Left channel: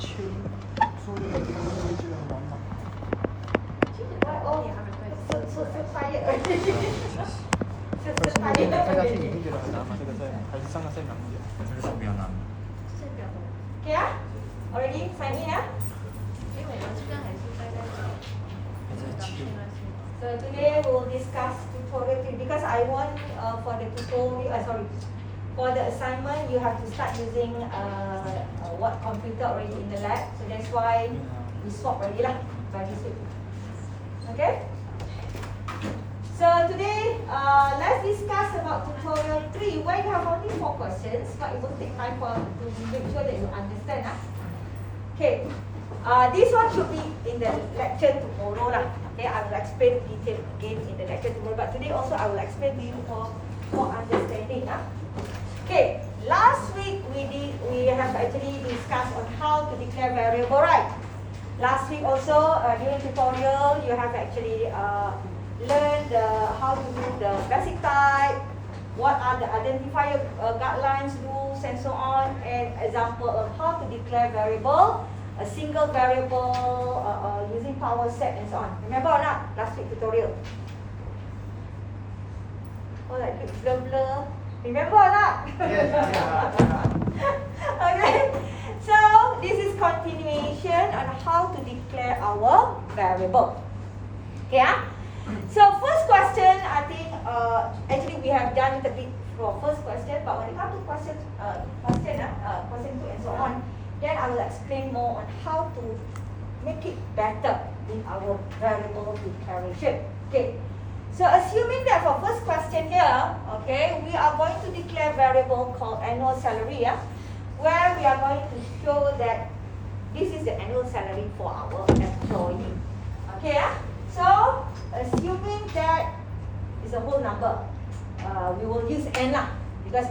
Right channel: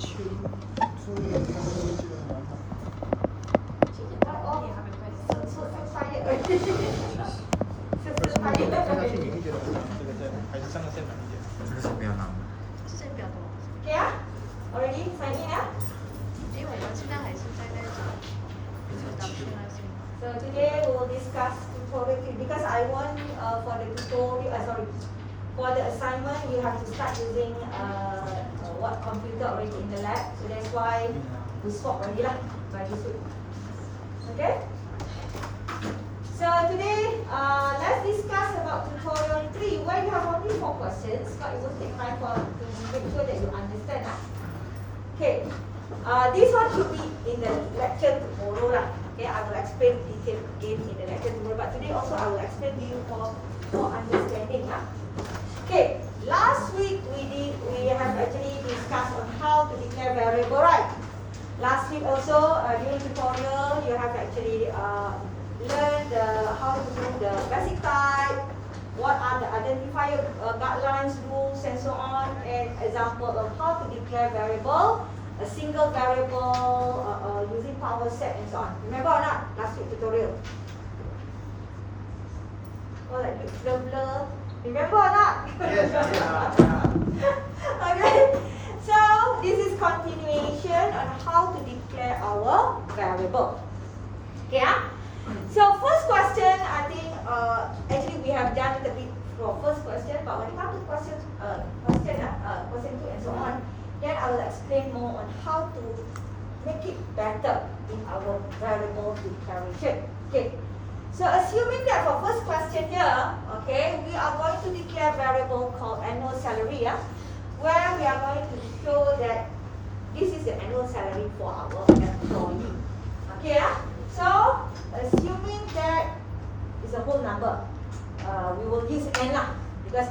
这个是比较难的。 Okay, ah? Already sign in, ah? So today we'll discuss tutorial 3 because I want for the tutorial, for the assignment you have to start using what computer already in the lab. So that's why we swap already lah by this week. Okay? So today let's discuss about tutorial 3 where you have only 4 questions but it will take time for you to make sure that you understand. Okay. This one should be in the lecture tomorrow lah. Okay, I will explain detail again in the lecture tomorrow. But today also I will explain to you for understanding. Okay, last week we have actually discussed on how to declare variable, right? Last week also during tutorial you have actually learned how to do the basic type, what are the identifier guidelines, rules, and so on, and example of how to declare variable. A single variable using power set and so on. Remember or not? Last week tutorial. Oh, like blur. Remember or not? Okay. So this is continuation on how to declare our variable. Yeah. So first question, I think actually we have done it a bit for first question, but when it comes to question 2 and so on. Then I will explain more on how to make it better in our variable declaration. Okay. So assuming that for first question here, okay, we are going to declare variable called annual salary, where we are going to show that this is the annual salary for our employee. Okay, so assuming that is a whole number, we will use n because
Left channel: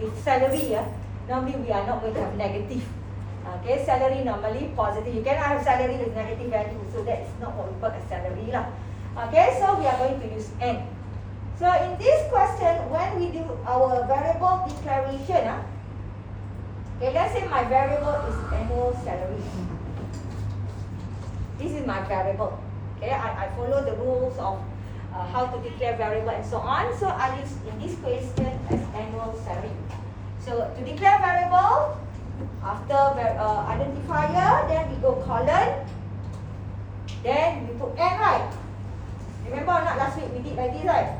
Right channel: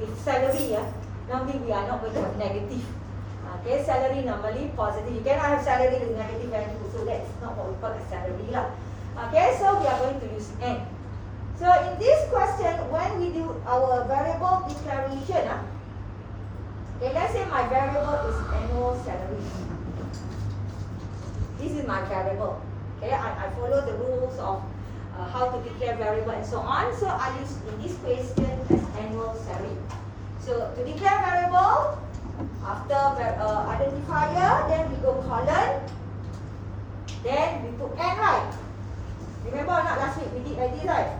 if salary, normally we are not going to have negative. Okay, salary normally positive. You cannot have salary with negative value, so that is not what we call a salary lah. Okay, so we are going to use n. So in this question, when we do our variable declaration, okay, let's say my variable is annual salary. This is my variable. Okay, I follow the rules of how to declare variable and so on. So I use in this question as annual salary. So to declare variable, after identifier, then we go colon, then we put n, right? Remember or not, last week we did like this, right?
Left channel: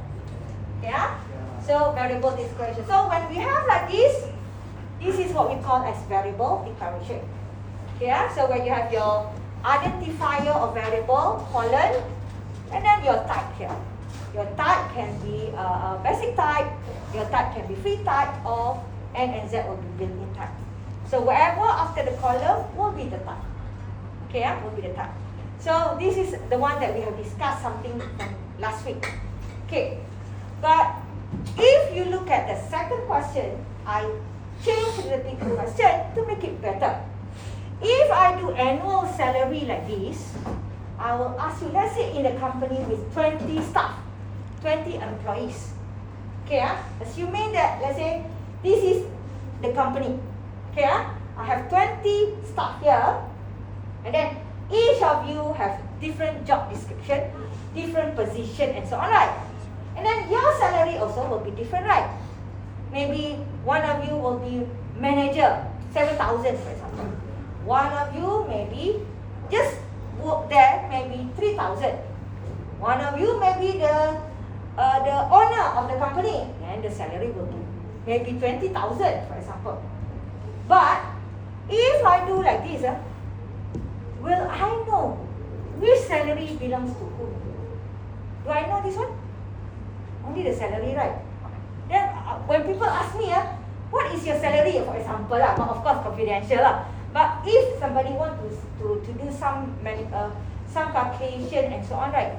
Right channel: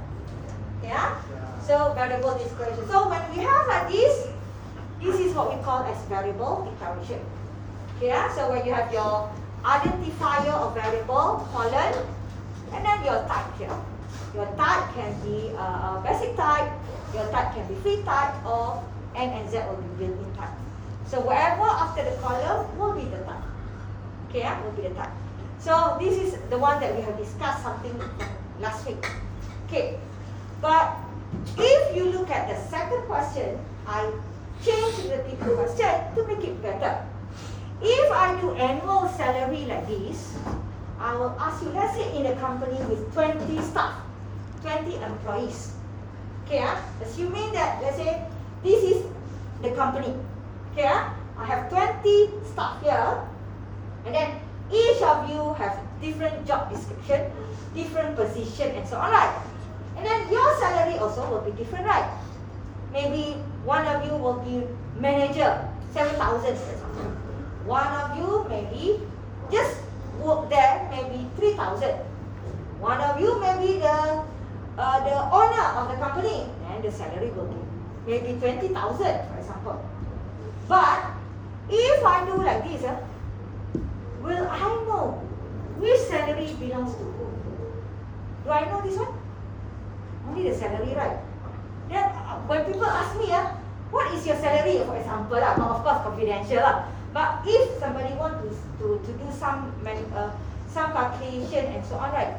Yeah? So variable declaration. So when we have like this is what we call as variable declaration. Yeah? So when you have your identifier of variable, colon, and then your type here. Your type can be a basic type, your type can be free type, or n and z will be built-in type. So wherever after the column will be the type. Okay, will be the type. So this is the one that we have discussed something from last week. Okay, but if you look at the second question, I changed the big question to make it better. If I do annual salary like this, I will ask you, let's say in a company with 20 staff, 20 employees. Okay, assuming that, let's say, this is the company. Okay, I have 20 staff here, and then each of you have different job description, different position, and so on, right? And then your salary also will be different, right? Maybe one of you will be manager, 7,000 for example. One of you maybe just work there, maybe 3,000. One of you may be the owner of the company, and the salary will be maybe 20,000 for example. But if I do like this, will I know which salary belongs to who? Do I know this one? Only the salary, right? Then when people ask me, what is your salary, for example, but of course confidential. But if somebody want to do some calculation and so on, right?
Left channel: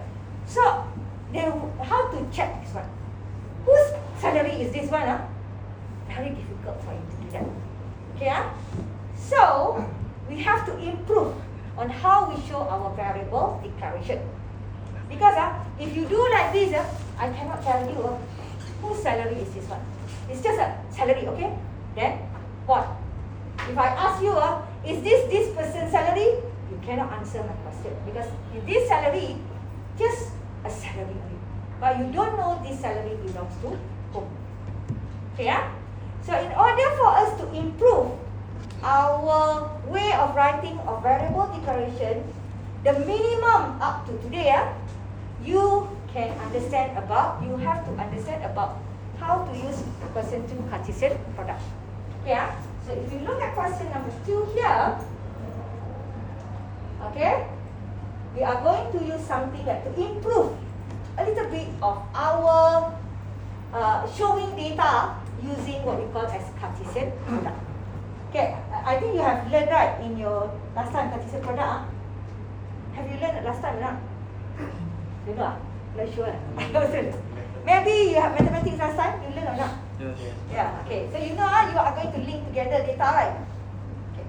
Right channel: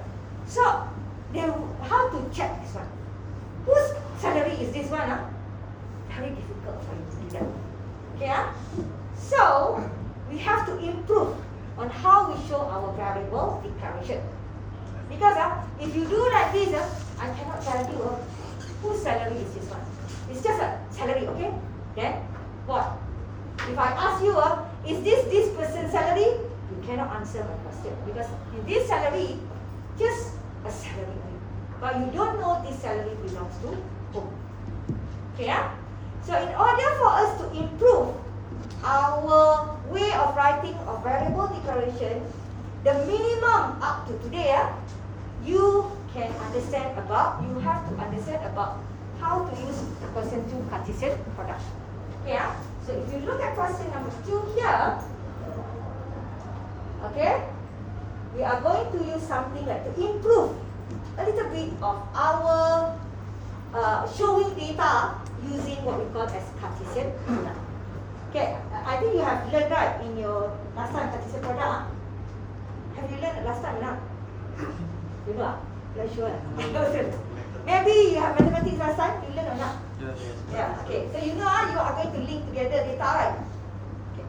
So they how to check this one? Whose salary is this one? Very difficult for you to do that. Okay, so we have to improve on how we show our variable declaration. Because if you do like this, I cannot tell you whose salary is this one. It's just a salary, okay? Then what? If I ask you, is this cannot answer my question because this salary, just a salary. But you don't know this salary belongs to whom. Okay, yeah? So in order for us to improve our way of writing of variable declaration, the minimum up to today, you can understand about, you have to understand about how to use question 2 Cartesian product. Yeah? So if you look at question number 2 here, okay, we are going to use something like to improve a little bit of our showing data using what we call as Cartesian product. Okay, I think you have learned, right, in your last time Cartesian product. Have you learned last time or not? You know? Not sure. Maybe you have mathematics last time. You learn or not? Yes. Yeah. Okay. So you know you are going to link together data, right? Okay.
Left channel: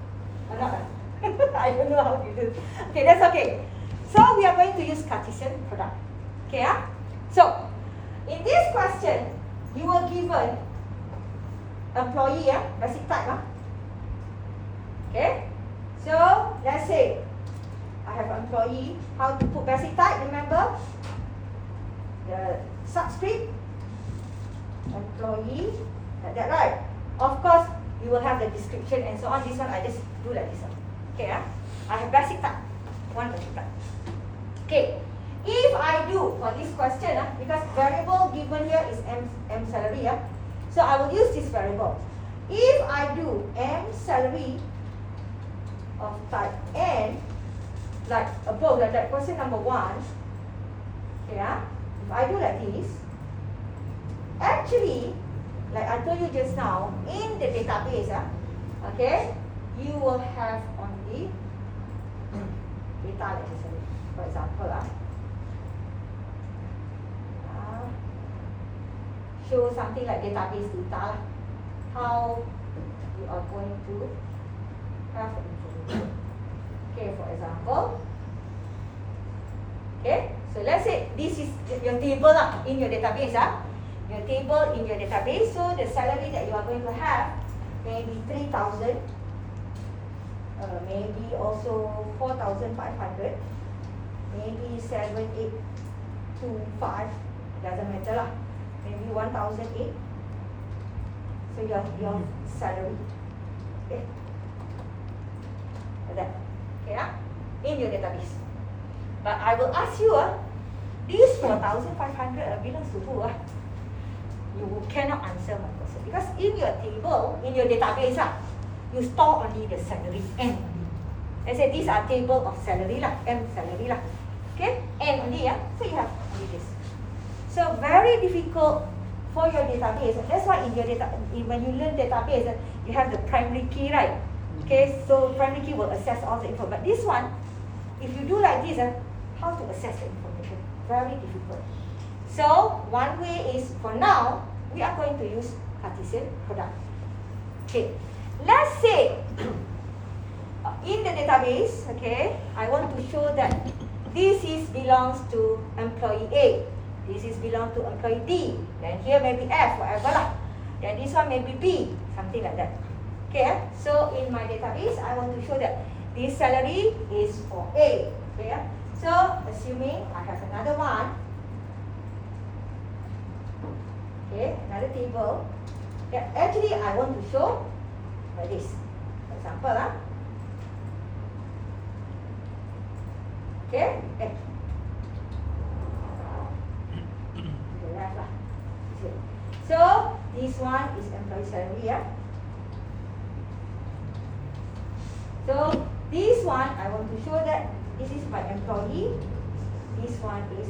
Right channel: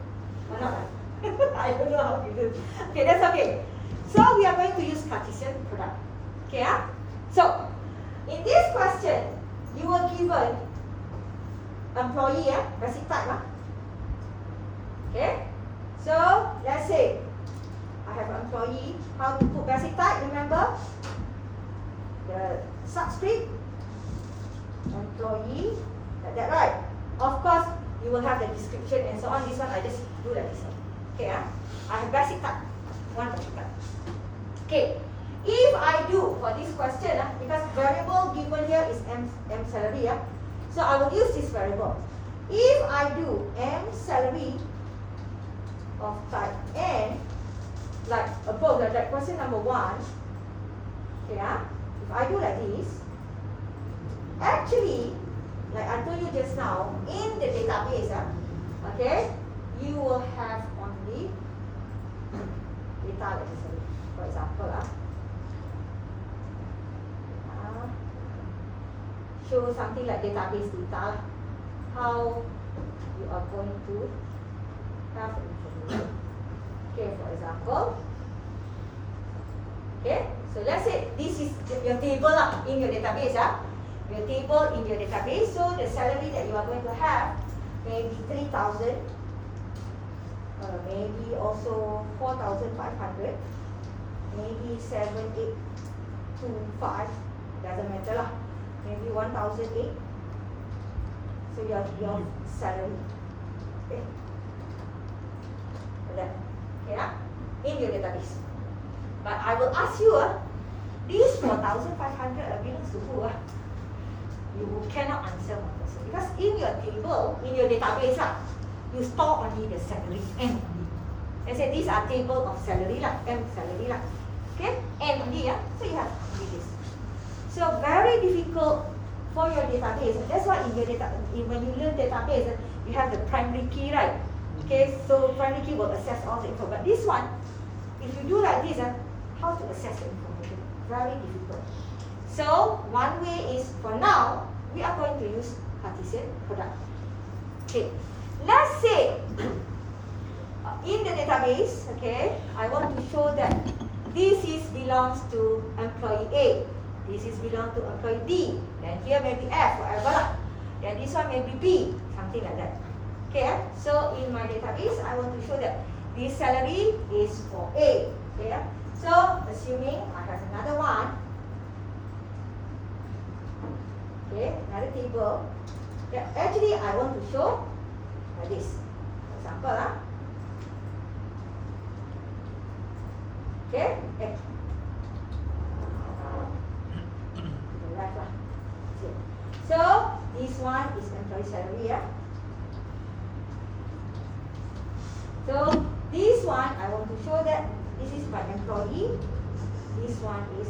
Or not? I don't know how to do. Okay, that's okay. So we are going to use Cartesian product. Okay, yeah? So in this question, you were given employee, basic type. Okay. So let's say I have an employee. How to put basic type? Remember the subscript employee. Like that, right? Of course, you will have the description and so on. This one I just do like this one. Okay, I have basic type. One basic type. Okay. If I do for this question, because variable given here is M salary, so I will use this variable. If I do M salary of type N, like above, like that question number 1, okay, if I do like this, actually, like I told you just now, in the database, okay, you will have only data, let me say, for example, show something like database data, how you are going to have information. Okay, for example, okay, so let's say this is your table in your database, your table in your database. So the salary that you are going to have, maybe 3,000, maybe also 4,500, maybe 7,825, doesn't matter lah. Maybe 1,008. So your salary, okay, like that, okay, in your database. But I will ask you, this 4,500 belongs to who? You cannot answer my question because in your table, in your database, you store only the salary N only. I said these are table of salary lah, M salary lah, okay, N only, so you have only this. So very difficult for your database. That's why in your data, when you learn database, you have the primary key, right? Okay, so primary key will access all the info. But this one, if you do like this, how to access the information? Very difficult. So one way is, for now, we are going to use Cartesian product. Okay, let's say in the database, okay, I want to show that this belongs to employee A. This is belong to employee D. Then here maybe F, whatever lah. Then this one maybe B, something like that. Okay, so in my database, I want to show that this salary is for A. Okay, so assuming I have another one. Okay, another table. Yeah, actually I want to show like this. For example, okay. So this one is employee salary, So this one I want to show that this is my employee. This one is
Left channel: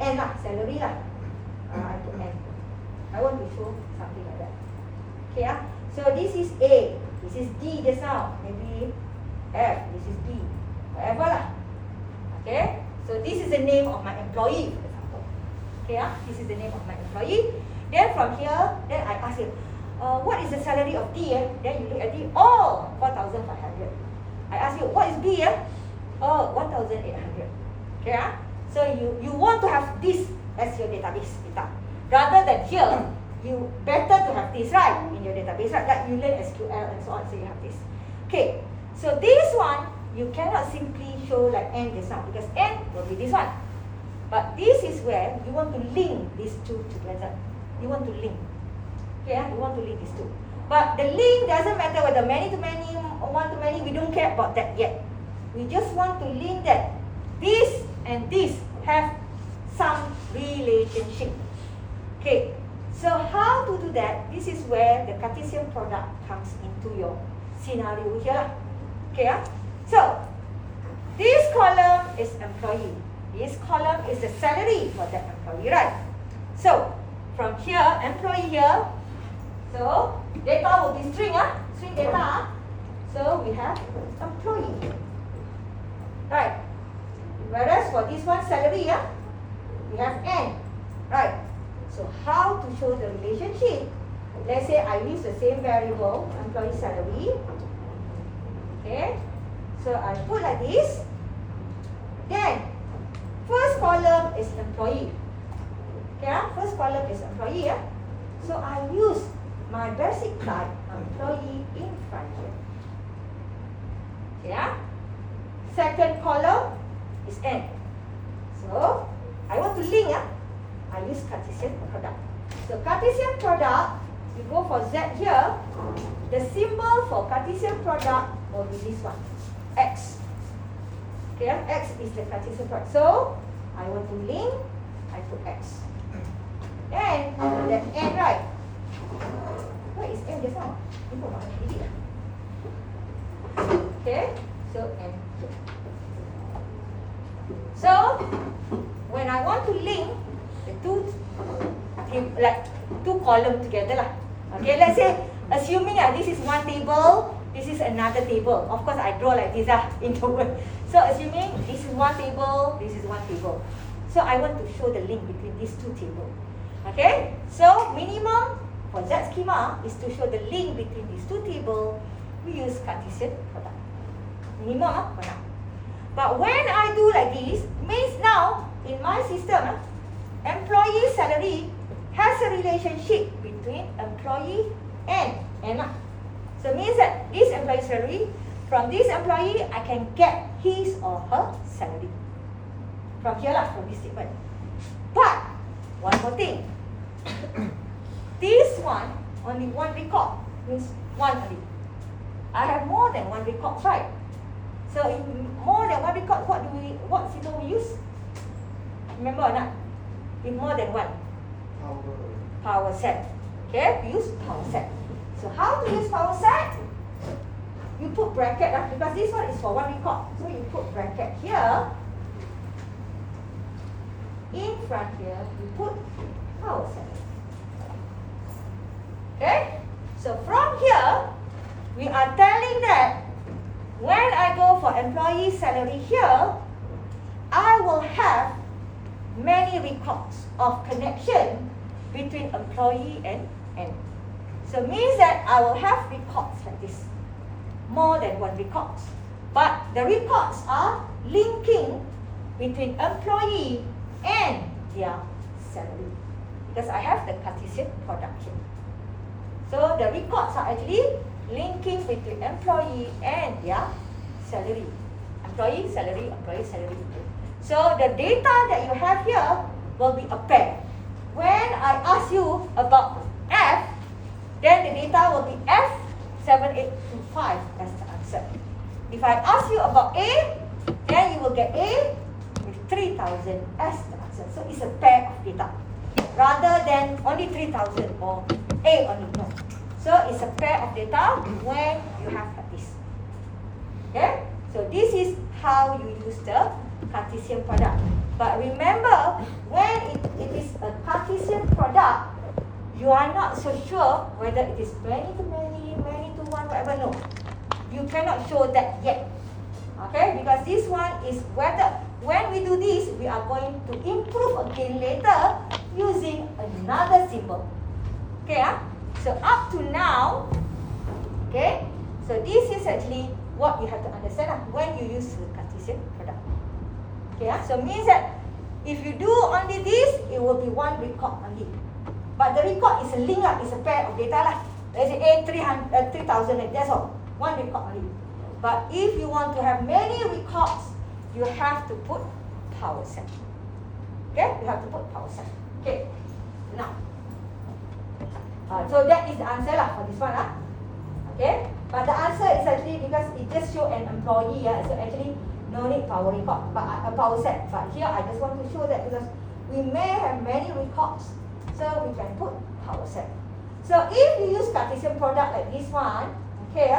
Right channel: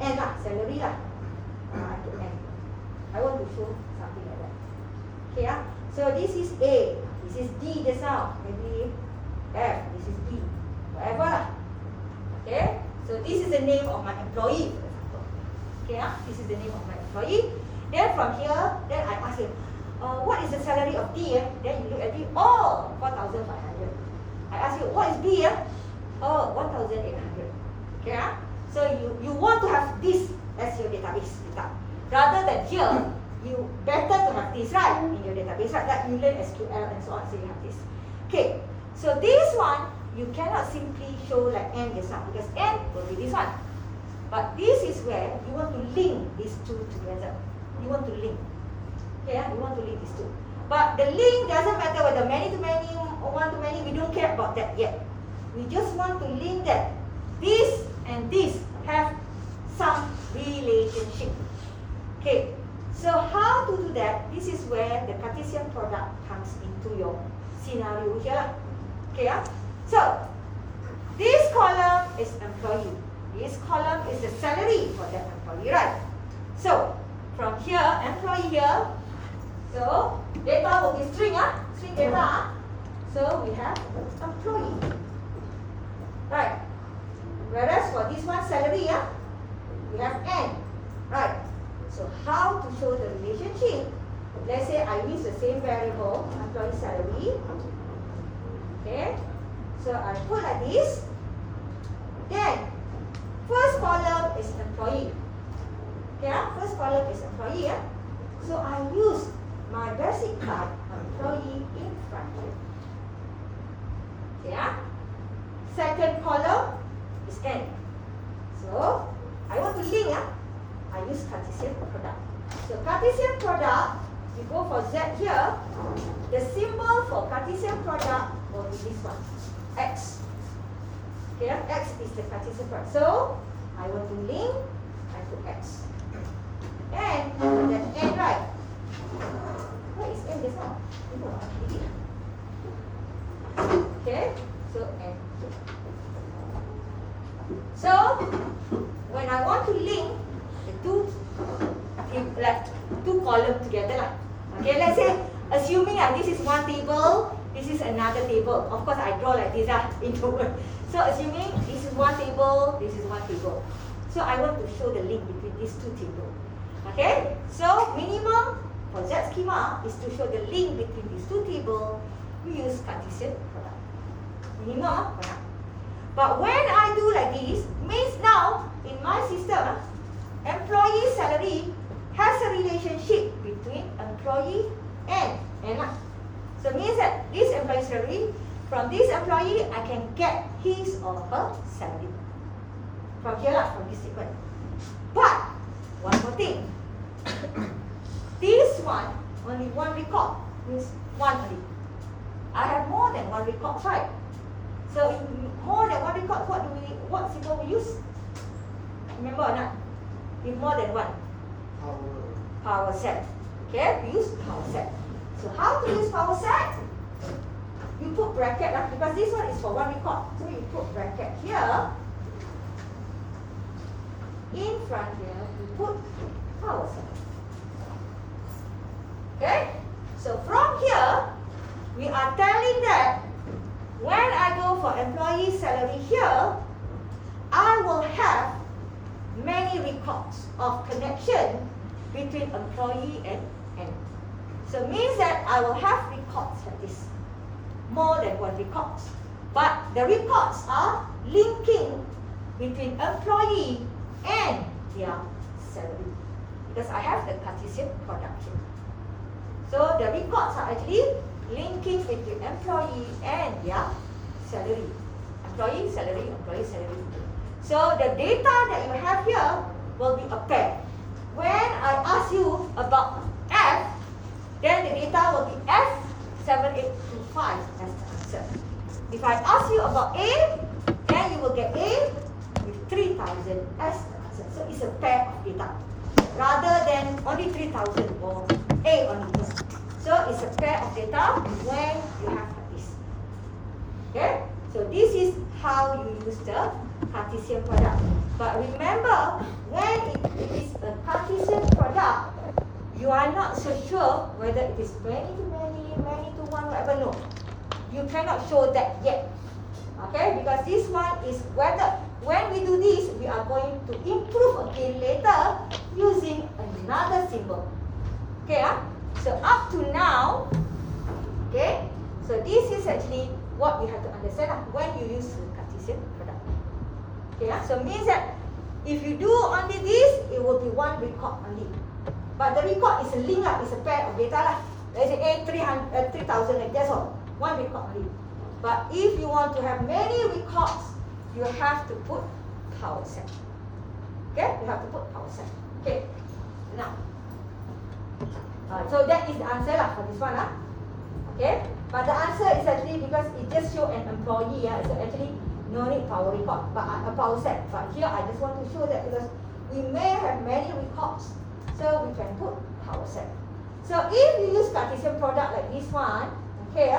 N salary I put N. I want to show something like that. Okay, so this is A. This is D just now. Maybe F. This is B. Whatever lah. Okay. So this is the name of my employee, for example. Okay, this is the name of my employee. Then from here, then I ask him, what is the salary of D? Then you look at D, 4,500. I ask you, what is B? 1,800. Okay, so you want to have this as your database data. Rather than here, you better to have this, right, in your database, right? Like you learn SQL and so on, so you have this. Okay, So this one, you cannot simply show like n this one, because n will be this one. But this is where you want to link these two together. You want to link. Okay, you want to link these two. But the link doesn't matter whether many to many or one to many. We don't care about that yet. We just want to link that this and this have some relationship. Okay, so how to do that? This is where the Cartesian product comes into your scenario here. Okay, so this column is employee. This column is the salary for that employee, right? So from here, employee here. So data will be string, string data. So we have employee, right? Whereas for this one salary, we have n, right? So how to show the relationship? Let's say I use the same variable, employee salary. Okay, so I put like this. Then first column is employee. Okay, first column is employee. So I use my basic type employee in front here. Okay, second column is n. So I want to link. I use Cartesian product. So Cartesian product, we go for Z here. The symbol for Cartesian product will be this one, X. Okay, X is the Cartesian product. So I want to link, I put X. And the N, right? What is N this one? Okay, so N. So when I want to link the two, like two columns together lah. Okay, let's say assuming this is one table, this is another table. Of course, I draw like this into one. So assuming this is one table, this is one table. So I want to show the link between these two tables. Okay, so minimum for Z schema is to show the link between these two tables. We use Cartesian product. Minimum product. But when I do like this, means now in my system, employee salary has a relationship between employee and N. So means that this employee salary, from this employee, I can get his or her salary. From here lah, from this statement. But, one more thing. This one, only one record, means one only. I have more than one record, right? So, if more than one record, what symbol we use? Remember or not? With more than one? Power set. Okay, we use power set. So how to use power set? You put bracket because this one is for one record. So you put bracket here. In front here, you put power set. Okay? So from here, we are telling that when I go for employee salary here, I will have many records of connection between employee and N. So means that I will have records like this, more than one records. But the records are linking between employee and their salary, because I have the Cartesian product here. So the records are actually linking between employee and their salary. Employee salary, employee salary. So the data that you have here will be a pair. When I ask you about F, then the data will be F7825 as the answer. If I ask you about A, then you will get A with 3000 as the answer. So it's a pair of data rather than only 3000 or A only. No. So it's a pair of data when you have like this. Okay? So this is how you use the Cartesian product. But remember, when it is a Cartesian product, you are not so sure whether it is many to many, many to one, whatever. No, you cannot show that yet. Okay, because this one is whether when we do this, we are going to improve again later using another symbol. Okay, so up to now, okay, so this is actually what we have to understand when you use the Cartesian product. Okay, so means that if you do only this, it will be one record only. But the record is a link, it's a pair of data lah. Let's say A 3000, that's all. One record only. But if you want to have many records, you have to put power set. Okay, you have to put power set. Okay, now. So that is the answer lah for this one lah. Okay, but the answer is actually because it just show an employee, so actually no need power record, but a power set. But here I just want to show that because we may have many records, so we can put power set. So if you use Cartesian product like this one, okay,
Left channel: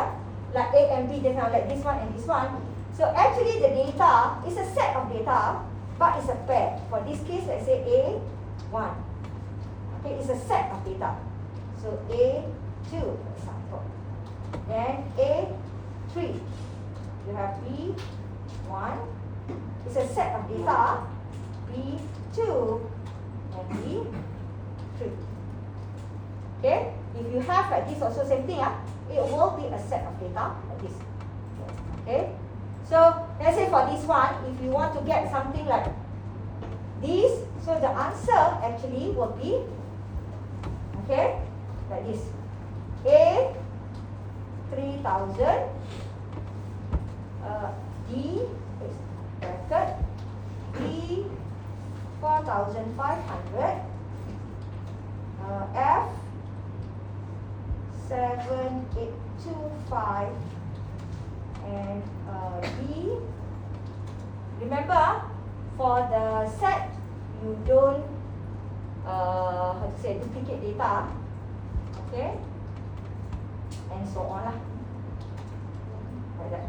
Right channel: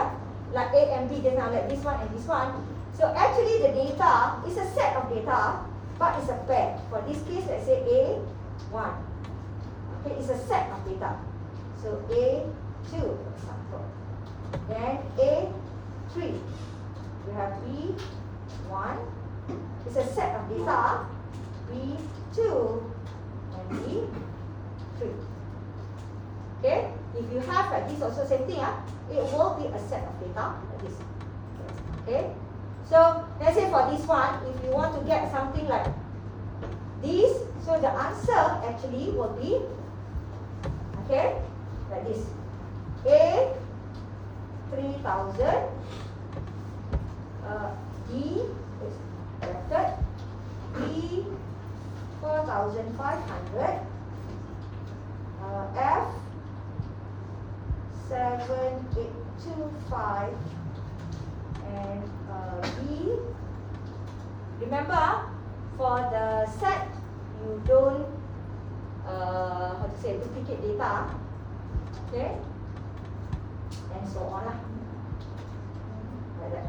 like A and B, like this one and this one. So actually the data is a set of data, but it's a pair. For this case, let's say A1. Okay, it's a set of data. So A2, for example, and A3. You have B1. It's a set of data. B2 and B3. Okay, if you have like this also same thing, it will be a set of data like this. Okay, so let's say for this one, if you want to get something like this, so the answer actually will be, okay, like this. A 3000, D is bracket, B 4500, F 7825, and D. Remember, for the set, you don't how to say, duplicate data, okay, and so on lah. Like that.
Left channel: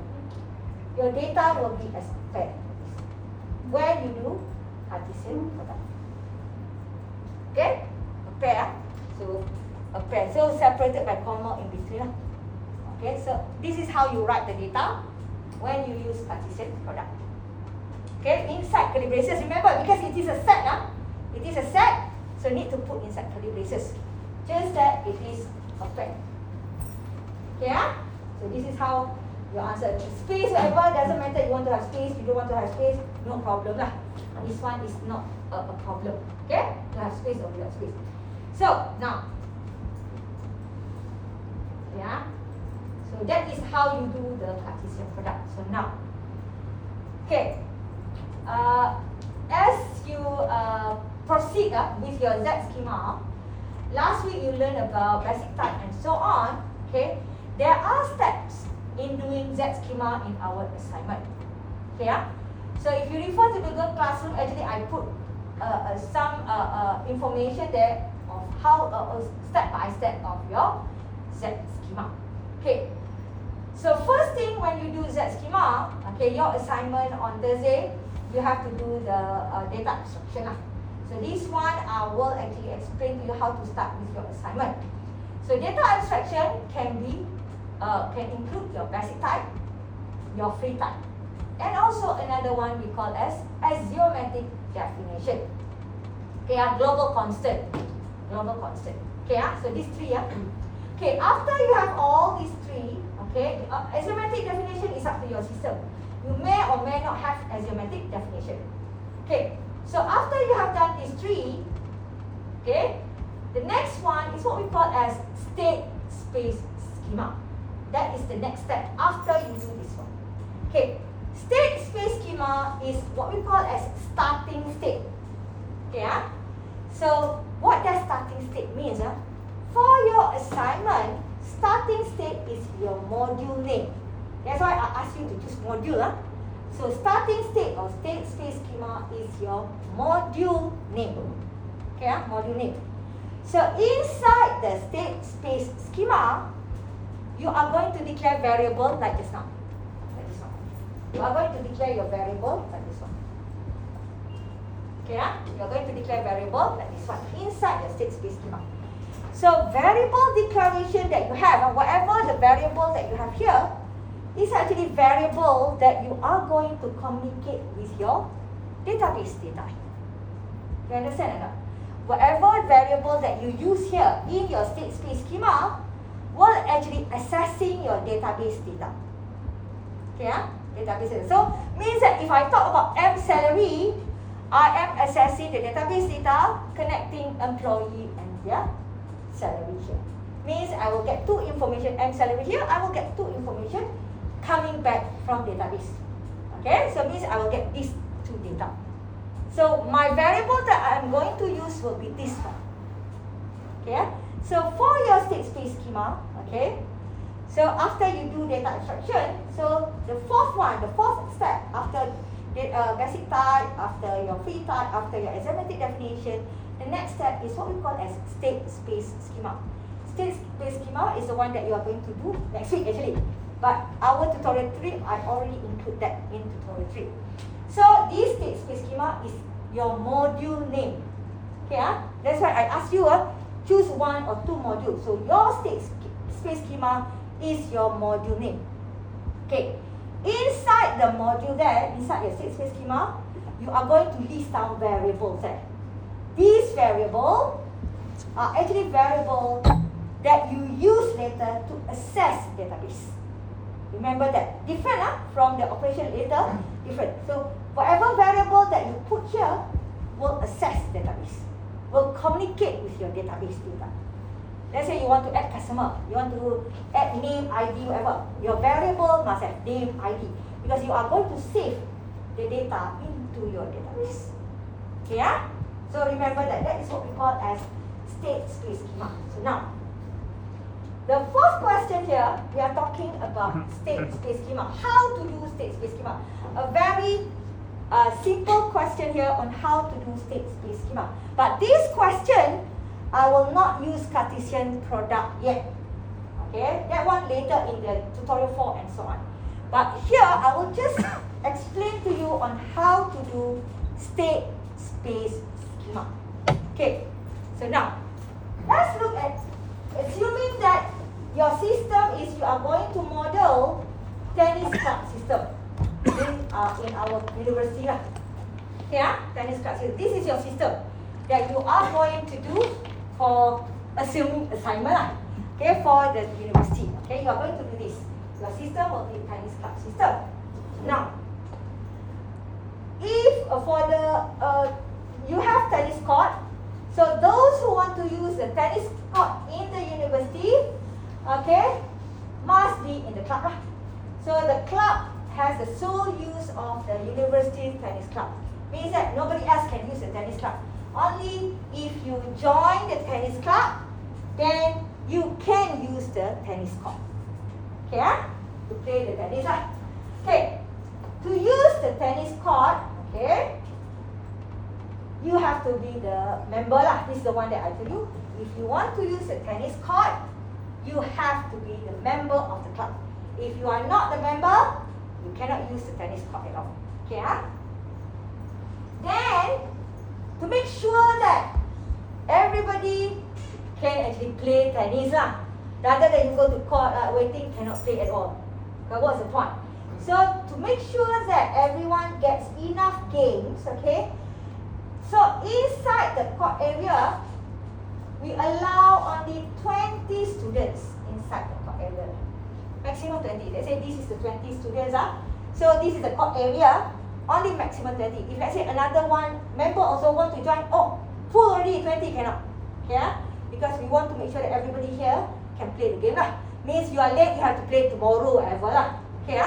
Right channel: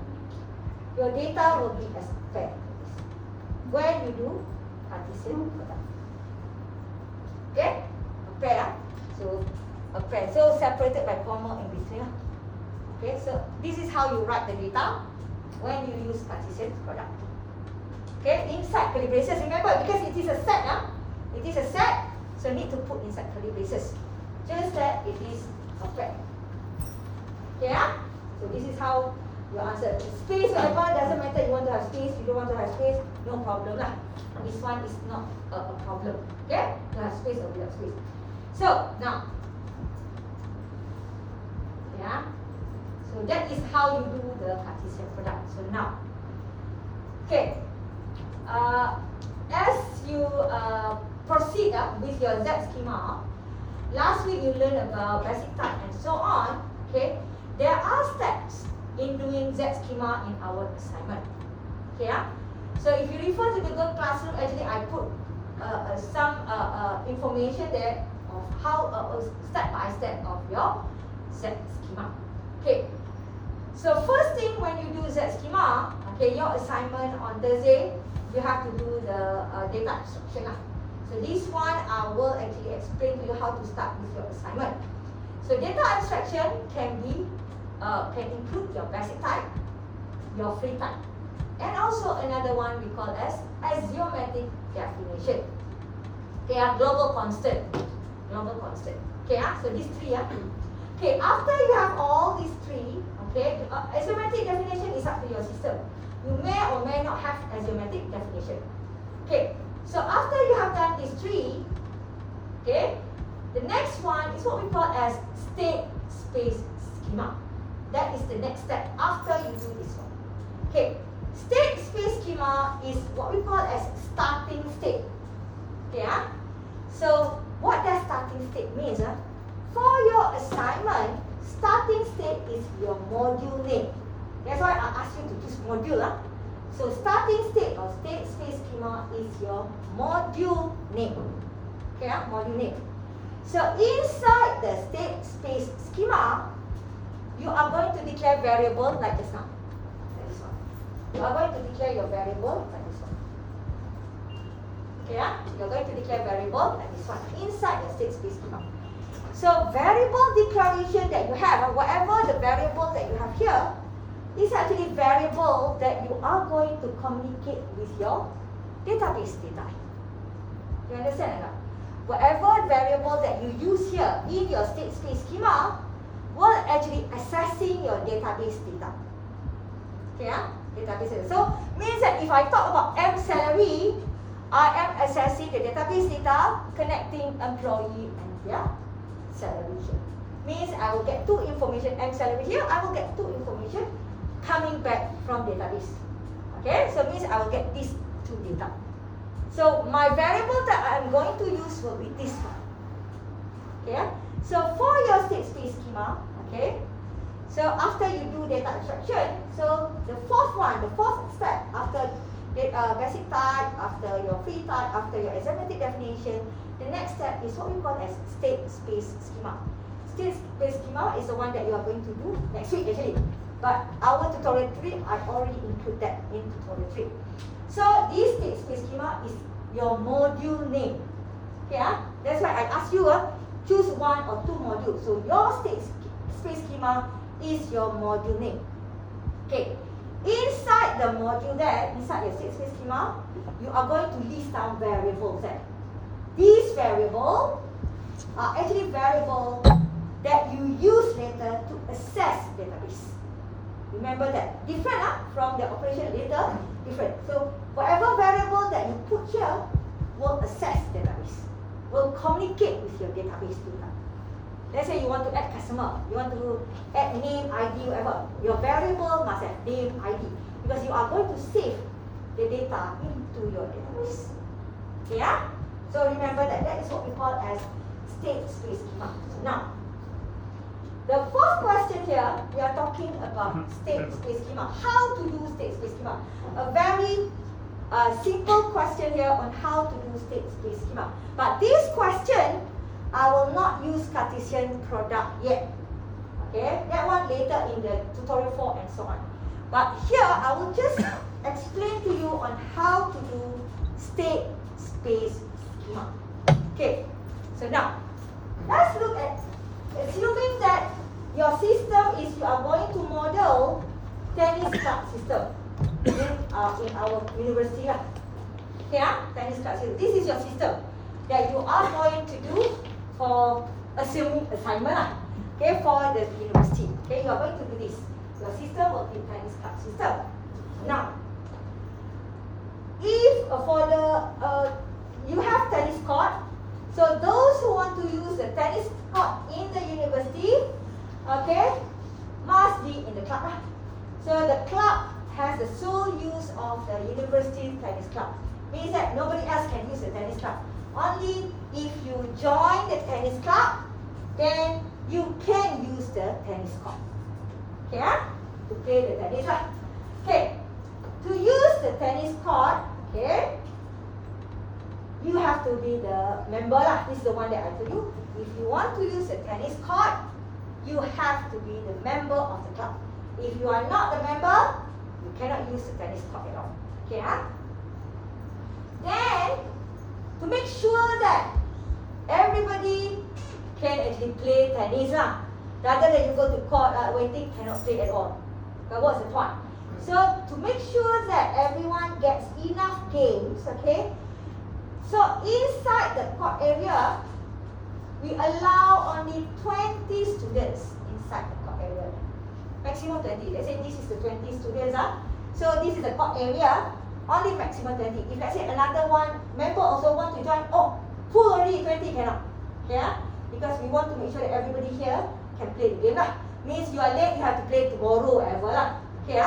Your data will be as pair when you do Cartesian product. Okay, a pair. So a pair, so separated by comma in between. Okay, so this is how you write the data when you use Cartesian product. Okay, inside curly braces. Remember, because it is a set, it is a set, so need to put inside curly braces. Just that it is a pair. Okay, so this is how you answer. Space, whatever, doesn't matter. You want to have space, you don't want to have space, no problem lah. This one is not a problem. Okay, to have space or without space. So now. Yeah, so that is how you do the Cartesian product. So now, okay, as you proceed with your Z schema, last week you learned about basic type and so on. Okay, there are steps in doing Z schema in our assignment. Okay, so if you refer to the Google Classroom, actually I put some information there of how step by step of your Z schema. Okay, so first thing when you do Z schema, okay, your assignment on Thursday, you have to do the data abstraction. So this one will actually explain to you how to start with your assignment. So data abstraction can include your basic type, your free type, and also another one we call as axiomatic definition. Okay, global constant. Okay, so these three. Okay, after you have all these three, okay, axiomatic definition is up to your system. You may or may not have axiomatic definition. Okay, so after you have done these three, okay, the next one is what we call as state space schema. That is the next step after you do this one. Okay, state space schema is what we call as starting state. Okay, so what does starting state means? For your assignment, starting state is your module name. That's why I asked you to choose module. So starting state or state space schema is your module name. Okay, module name. So inside the state space schema, you are going to declare variable like this one. Like this one. You are going to declare your variable like this one. Okay, you are going to declare variable like this one inside the state space schema. So variable declaration that you have, whatever the variable that you have here, is actually variable that you are going to communicate with your database data. You understand or not? Whatever variable that you use here in your state space schema will actually accessing your database data. Okay, database data. So means that if I talk about M salary, I am accessing the database data, connecting employee and their salary here. Means I will get two information, M salary here, I will get two information, coming back from database. Okay, so means I will get these two data. So my variable that I'm going to use will be this one. Okay, so for your state space schema, okay, so after you do data abstraction, so the fourth step after basic type, after your free type, after your asymmetric definition, the next step is what we call as state space schema. State space schema is the one that you are going to do next week actually. But our tutorial 3, I already include that in tutorial 3. So this state space schema is your module name. Okay, that's why I ask you choose one or two modules. So your state space schema is your module name. Okay. Inside the module there, inside your state space schema, you are going to list down variables there. These variables are actually variables that you use later to access database. Remember that. Different from the operation later, different. So whatever variable that you put here will access database, will communicate with your database data. Let's say you want to add customer, you want to add name, ID, whatever. Your variable must have name, ID, because you are going to save the data into your database. Yeah? So remember that is what we call as state space schema. So now, the first question here, we are talking about state space schema. How to do state space schema? A very simple question here on how to do state space schema. But this question, I will not use Cartesian product yet. Okay, that one later in the tutorial 4 and so on. But here, I will just explain to you on how to do state space schema. Okay, so now, let's look at, assuming that your system is you are going to model tennis club system in our university. Okay, tennis club system. This is your system that you are going to do for assignment, okay, for the university. Okay, you are going to do this. Your system will be tennis club system. Now, if for the you have tennis court, so those who want to use the tennis court in the university, okay, must be in the club. So the club has the sole use of the university tennis club. Means that nobody else can use the tennis club. Only if you join the tennis club, then you can use the tennis court. Okay, to play the tennis. Okay, to use the tennis court, okay, you have to be the member lah. This is the one that I told you. If you want to use the tennis court, you have to be the member of the club. If you are not the member, you cannot use the tennis court at all. Okay, Then, to make sure that everybody can actually play tennis rather than you go to court waiting, cannot play at all. But what's the point? So to make sure that everyone gets enough games, okay? So inside the court area, we allow only 20 students inside the court area. Maximum 20. Let's say this is the 20 students. So this is the court area. Only maximum 20. If let's say another one member also want to join, oh, full already, 20 cannot. Yeah? Because we want to make sure that everybody here can play the game Means you are late, you have to play tomorrow, whatever Okay,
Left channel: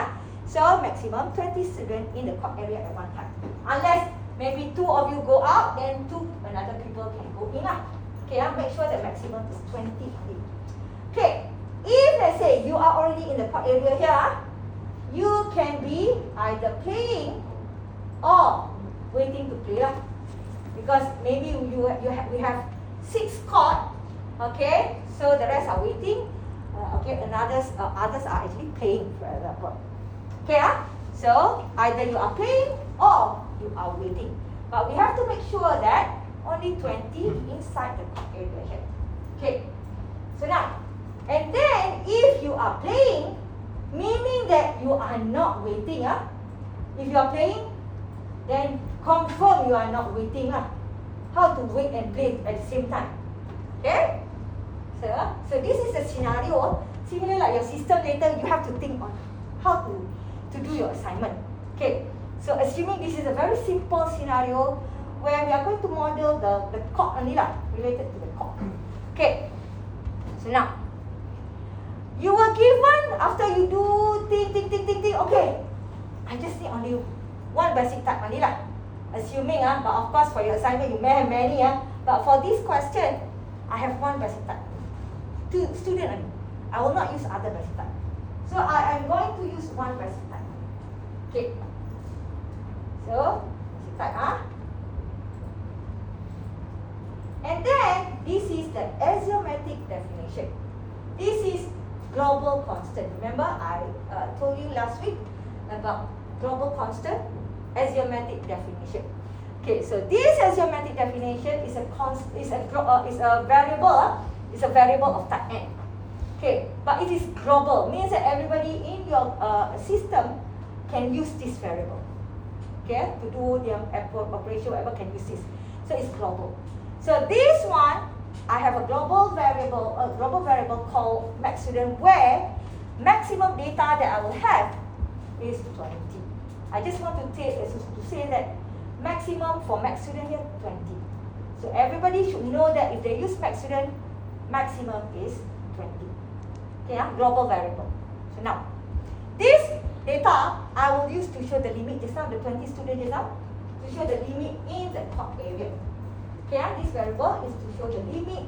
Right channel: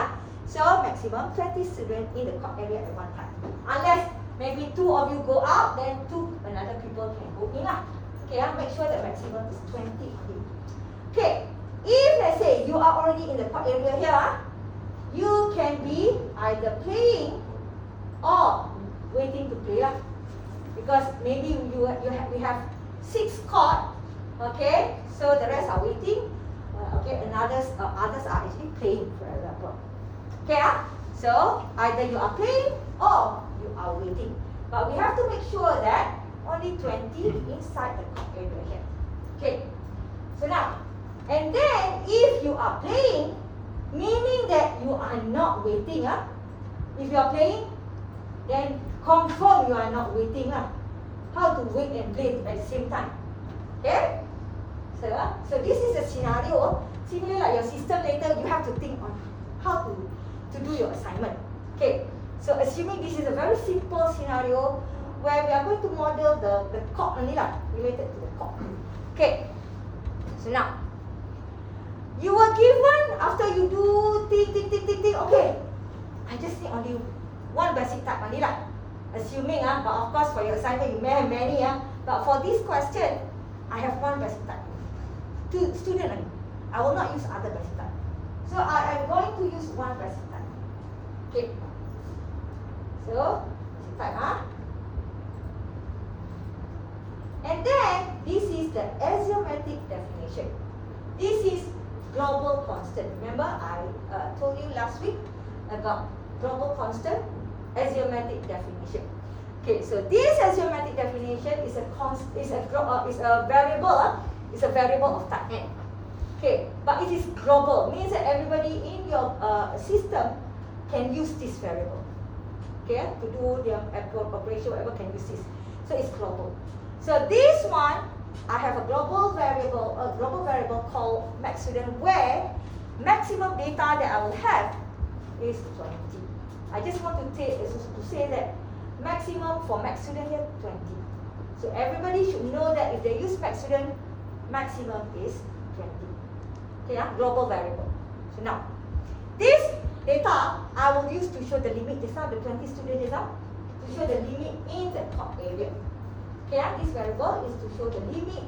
So maximum 20 students in the court area at one time. Unless maybe 2 of you go out, then 2 another people can go in Okay, make sure that maximum is 20 people. Okay, if let's say you are already in the court area here, you can be either playing or waiting to play because maybe we have 6 court, okay, so the rest are waiting, okay, and others are actually playing for that one. Okay, so either you are playing or you are waiting, but we have to make sure that only 20 inside the court area here. Okay, so now, and then if you are playing, meaning that you are not waiting. If you are playing, then confirm you are not waiting. How to wait and play at the same time. Okay? So this is a scenario. Similar like your system later, you have to think on how to do your assignment. Okay? So assuming this is a very simple scenario where we are going to model the court only related to the court. Okay? So now, You were given after you do think. Okay, I just need only one basic type only lah. Assuming but of course for your assignment you may have many but for this question, I have one basic type. Two student only. I will not use other basic type. So I am going to use one basic type. Okay. So basic type And then this is the axiomatic definition. This is global constant. Remember I told you last week about global constant, axiomatic definition. Okay, so this axiomatic definition is a variable. It's a variable of type n. Okay, but it is global. Means that everybody in your system can use this variable. Okay, to do the operation, whatever can use this. So it's global. So this one, I have a global variable called maxstudent, where maximum data that I will have is 20. I just want to say that maximum for maxstudent here 20. So everybody should know that if they use maxstudent, maximum is 20. Okay, global variable. So now, this data I will use to show the limit. Just now the 20 student data to show the limit in the top area. Okay, this variable is to show the limit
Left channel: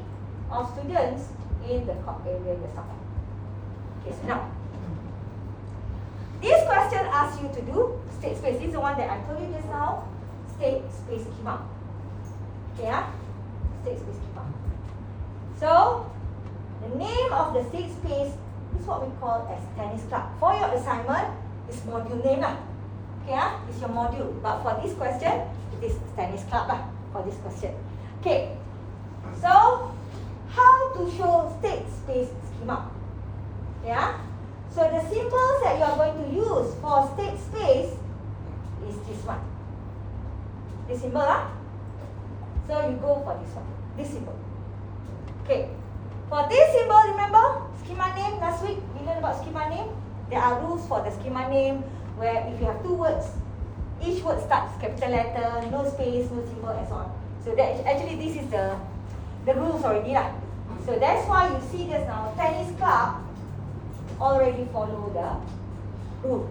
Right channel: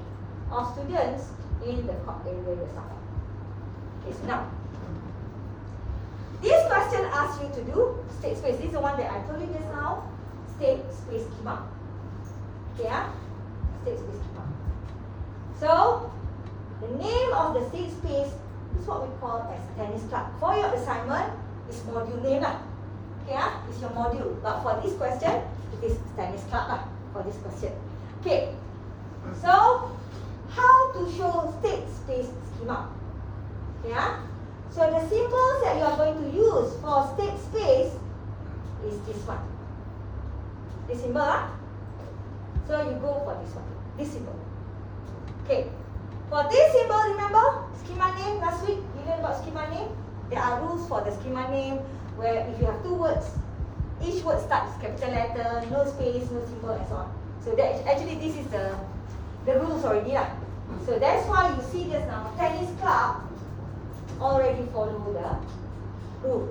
of students in the top area just now. Okay, so now, this question asks you to do state space. This is the one that I told you just now. State space schema. Okay, state space schema. So, the name of the state space is what we call as tennis club. For your assignment, it's module name lah. Okay, it's your module. But for this question, it is tennis club lah. For this question. Okay. So, how to show state space schema? Yeah. So the symbols that you are going to use for state space is this one. This symbol So you go for this one. This symbol. Okay. For this symbol, remember schema name last week? We learned about schema name. There are rules for the schema name where if you have two words, each word starts capital letter, no space, no symbol, and so on. So that actually this is the rules already lah. So that's why you see just now tennis club already follow the rule.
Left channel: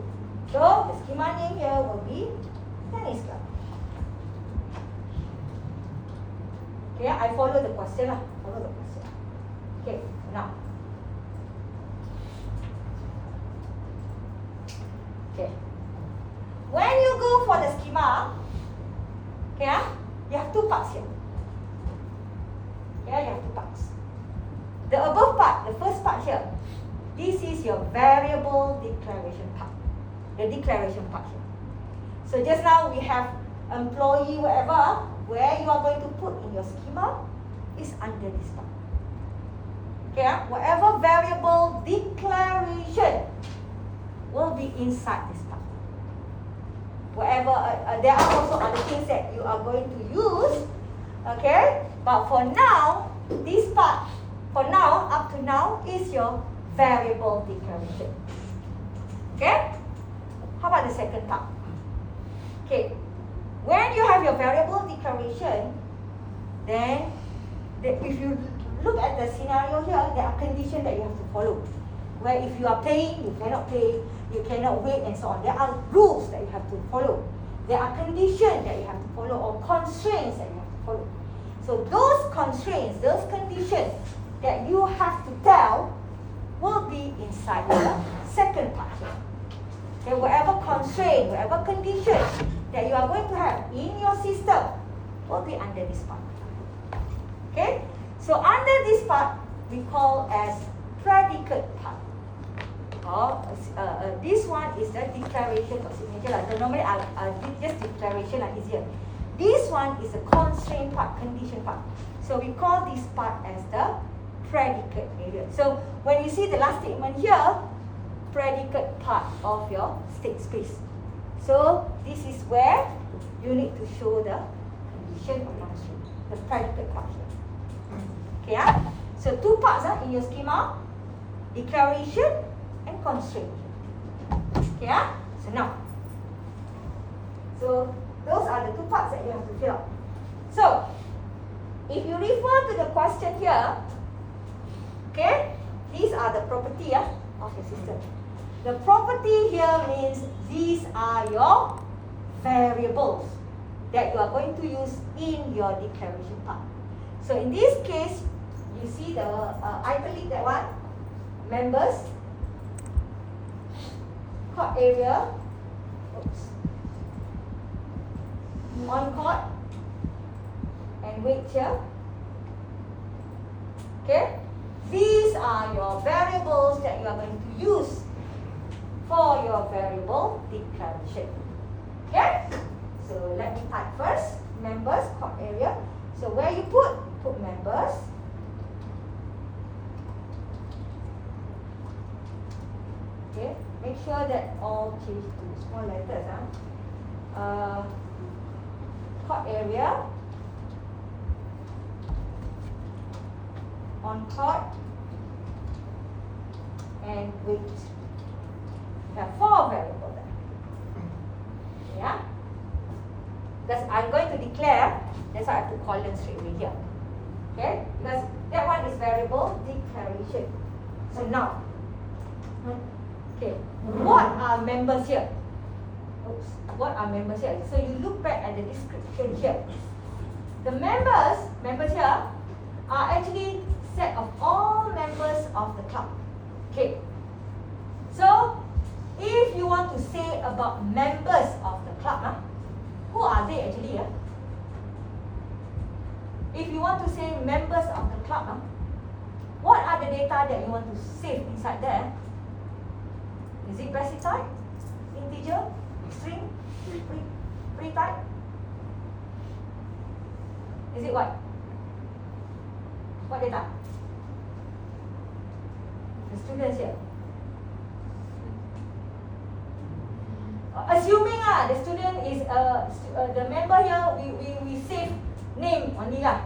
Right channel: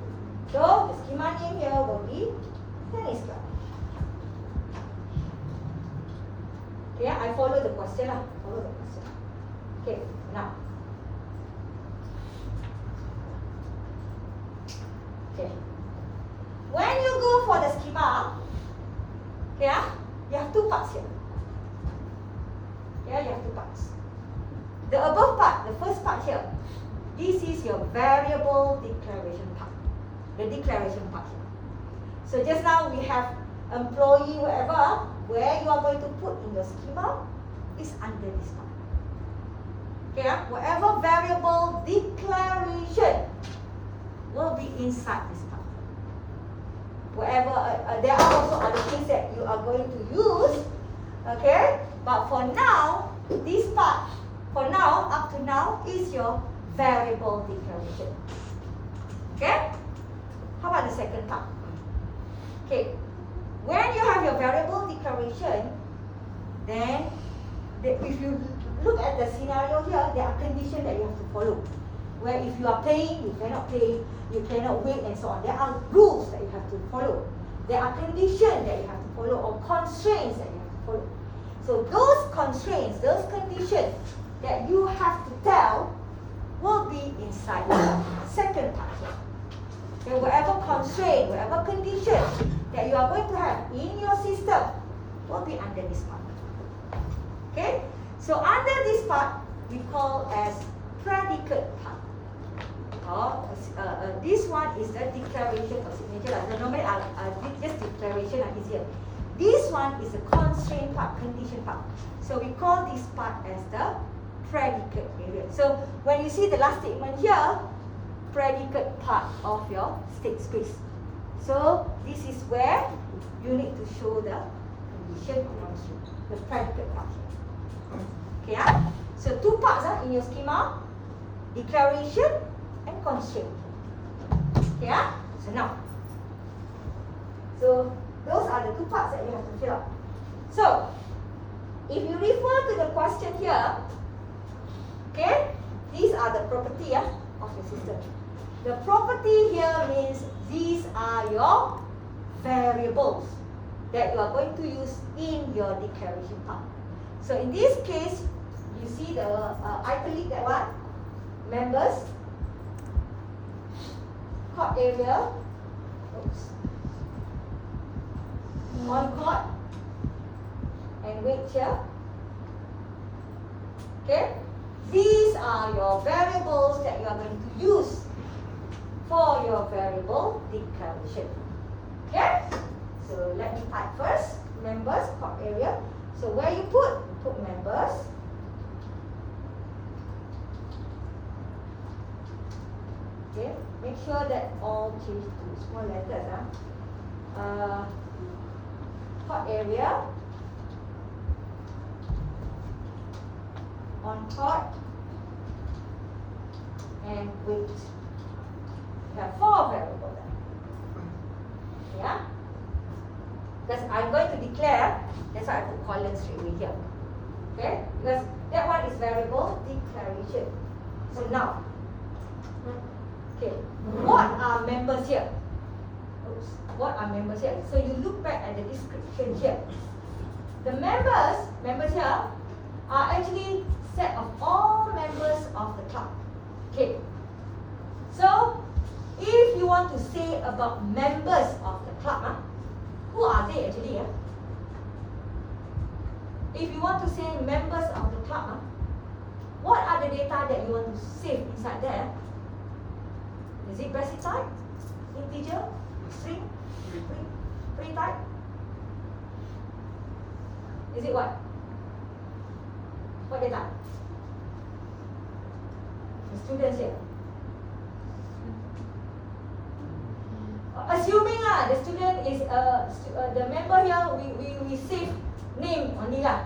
So the schema name here will be tennis club. Okay, I follow the question lah. Follow the question. Okay, now. Okay. When you go for the schema, okay, you have two parts here. Yeah, you have two parts. The above part, the first part here, this is your variable declaration part. The declaration part here. So just now we have employee whatever, where you are going to put in your schema is under this part. Okay, whatever variable declaration will be inside this part. Whatever, there are also other things that you are going to use. Okay, but for now, this part, for now, up to now, is your variable declaration. Okay? How about the second part? Okay. When you have your variable declaration, then if you look at the scenario here, there are conditions that you have to follow. Where if you are paying, you cannot pay, you cannot wait, and so on. There are rules that you have to follow. There are conditions that you have to follow, or constraints that you have to follow. So those constraints, those conditions that you have to tell will be inside the second part here. Okay, whatever constraint, whatever condition that you are going to have in your system will be under this part. Okay, so under this part we call as predicate part. This one is the declaration for signature. Normally I'll just declaration like easier. This one is the constraint part, condition part. So we call this part as the predicate area. So when you see the last statement here, predicate part of your state space. So this is where you need to show the condition or constraint, the predicate part here. Okay, so two parts in your schema, declaration and constraint. Okay, so now, so those are the two parts that you have to fill out. So if you refer to the question here, okay, these are the property of your system. The property here means these are your variables that you are going to use in your declaration part. So in this case, you see the italic, that one, members, court area, on court, and weight here. Okay, these are your variables that you are going to use for your variable declaration. Okay, so let me type first, members, court area. So where you put members. Okay, make sure that all change to small letters. Court area, on court, and weight. We have 4 variables. Yeah? Because I'm going to declare, that's why I put colon straight away here. Okay? Because that one is variable declaration. So now, okay, what are members here? Oops, what are members here? So you look back at the description here. The members here are actually set of all members of the club. Okay. So if you want to say about members of the club, who are they actually? If you want to say members of the club, what are the data that you want to save inside there? Is it basic type, integer, string, free type? Is it what? What data? The students here. Assuming the student is the member here, we save name only lah,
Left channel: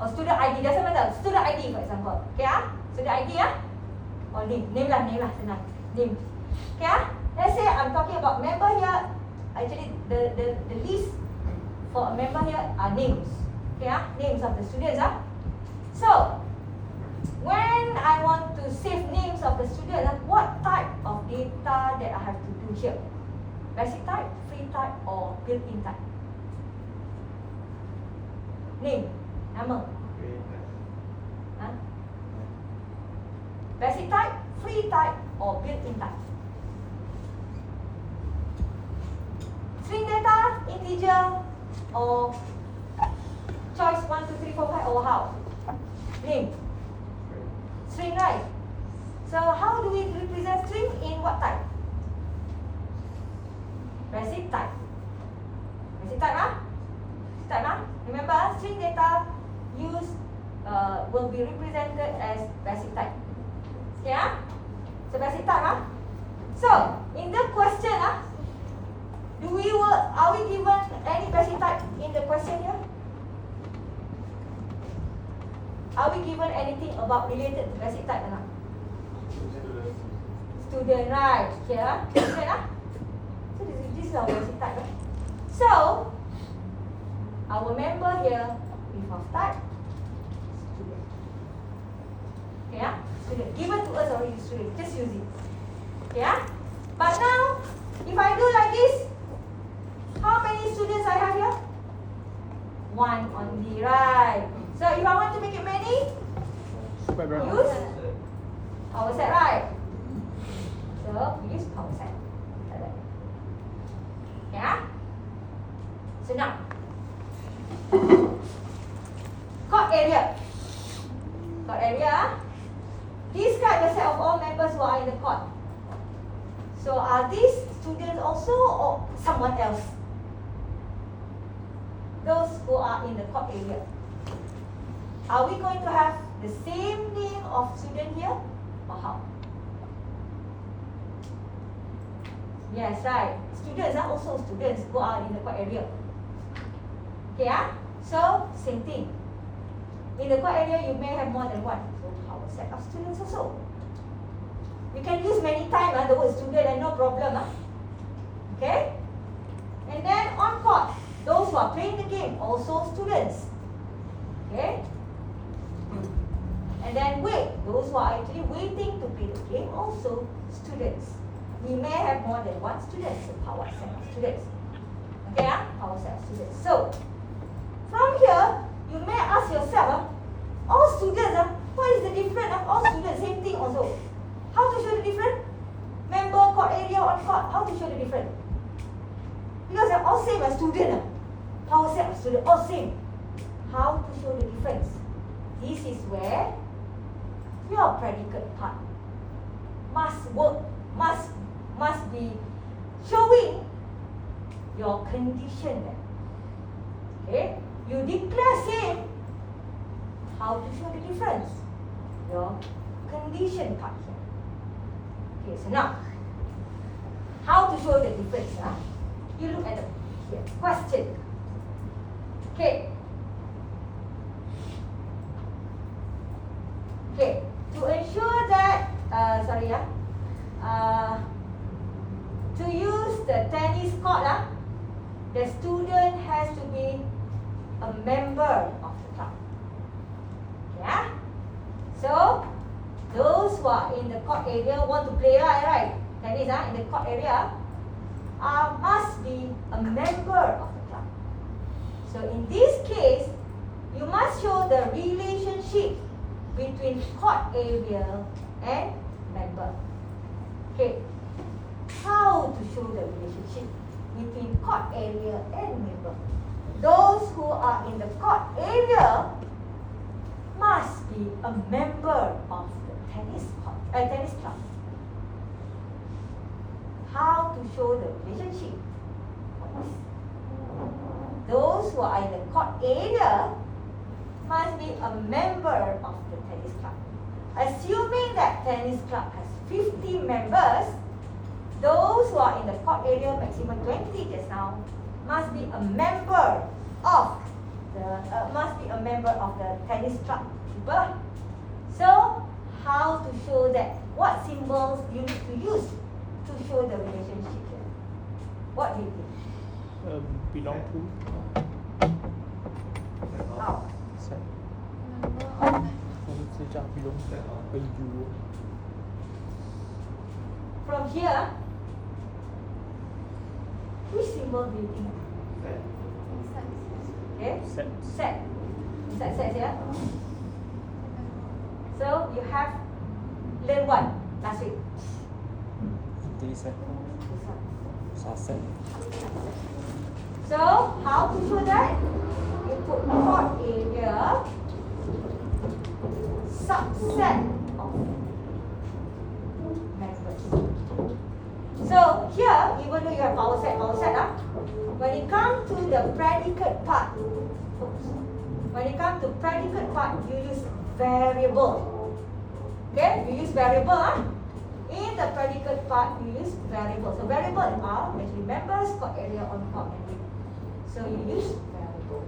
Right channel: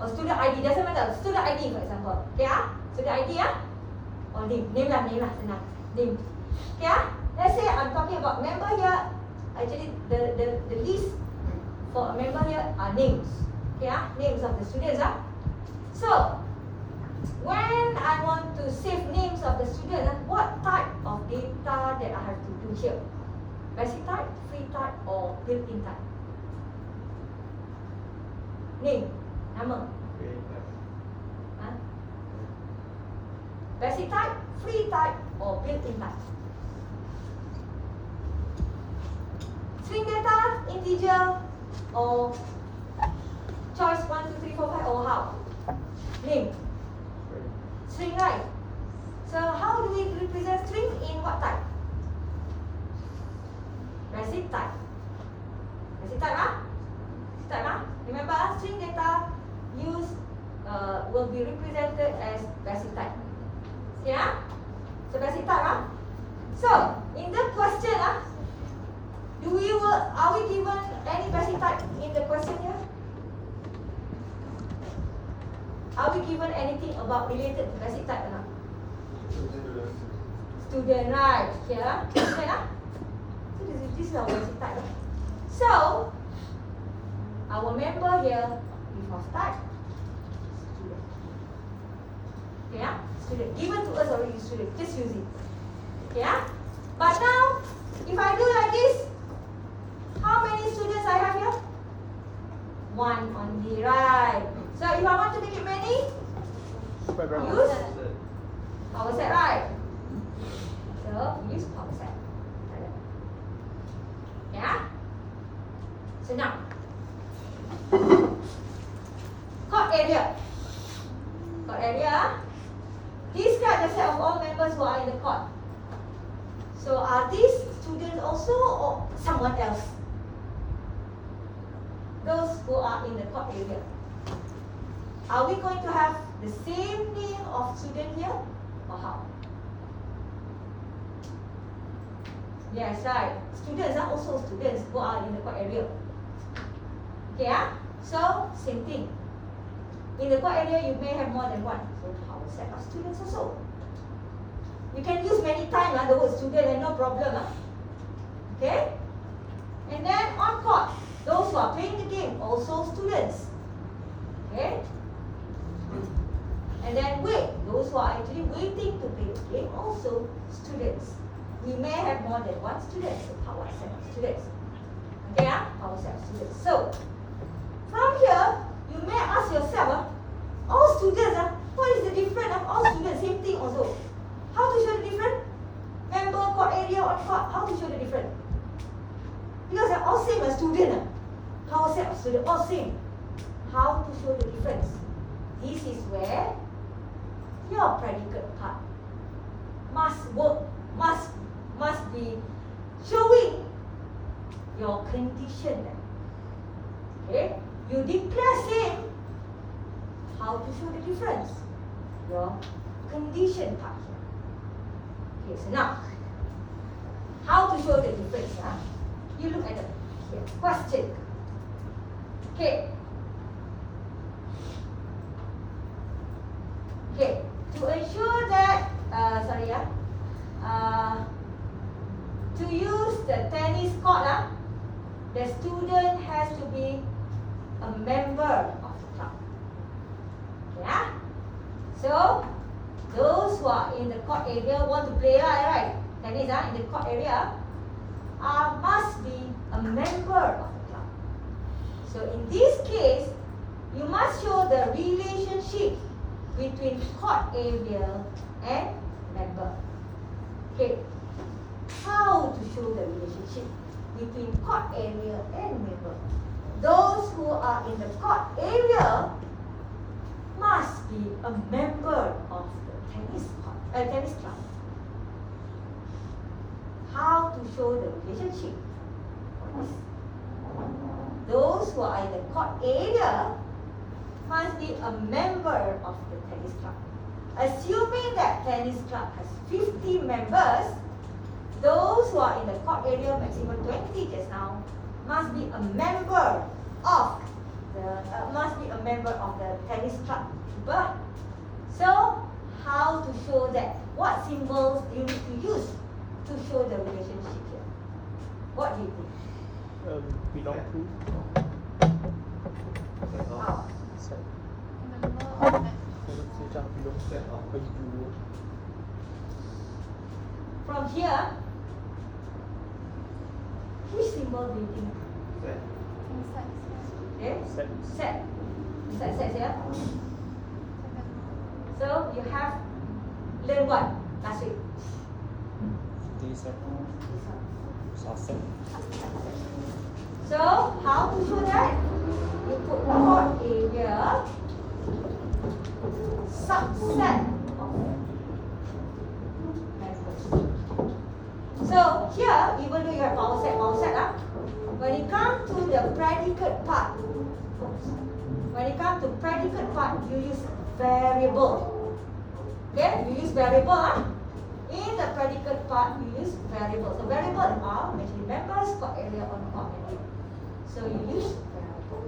or student ID, doesn't matter. Student ID for example, okay student ID or name lah, senang, name. Okay let's say I'm talking about member here. Actually the list for a member here are names. Okay names of the students So when I want to save names of the students, what type of data that I have to do here? Basic type, free type, or built-in type? Name, nama. Basic type, free type, or built-in type? String data, integer, or choice 1, 2, 3, 4, 5, or how? Name. String, right? So how do we represent string in what type? Basic type. Basic type, Remember, string data will be represented as basic type. Okay, So basic type, So in the question, are we given any basic type in the question here? Are we given anything about related to basic type or not? Student, right? Okay, Student, So this is our basic type. So our member here is of type student. Okay, Student. Given to us already student. Just use it. Okay, But now, if I do like this, how many students I have here? 1 only, right? So if I want to make it many, use power set, right? So we use power set. Yeah. So now, court area. Court area. Describe the set of all members who are in the court. So are these students also or someone else? Those who are in the court area. Are we going to have the same name of student here or how? Yes, right. Students are also students who are in the court area. Okay, So same thing. In the court area, you may have more than one. So how a set of students also. We can use many times the word student and no problem. Okay? And then on court, those who are playing the game, also students. Okay? And then wait, those who are actually waiting to play the game, also students. We may have more than one student, so power set of students. Okay, power set of students. So, from here, you may ask yourself, all students, what is the difference of all students? Same thing also. How to show the difference? Member, court area, on court, how to show the difference? Because they're all same as student. Power set of students, all same. How to show the difference? This is where your predicate part must work, must be showing your condition. Okay? You declare same. How to show the difference? Your condition part. Okay, so now, how to show the difference? You look at the question. Okay. Okay. To ensure that, to use the tennis court, the student has to be a member of the club. Yeah. So those who are in the court area want to play, right? Tennis, in the court area, must be a member of the club. So in this case, you must show the relationship between court area and member. Okay. How to show the relationship between court area and member? Those who are in the court area must be a member of the tennis club. How to show the relationship? Those who are in the court area must be a member of the tennis club. Assuming that tennis club has 50 members, those who are in the court area, maximum 20 just now, must be a member of the tennis club. So, how to show that? What symbols you need to use to show the relationship? What do you think? Belong to. How? Sejak belong ke you. From here, which symbol do you think? Okay? Set. Is that set here? So you have learned what last week? So how to show that? You put court area subset of members. So here, even though you have power set, when it comes to the predicate part, you use variable. Okay, you use variable. In the predicate part, you use variable. So variable are actually members, court area, or court area. So you use variable.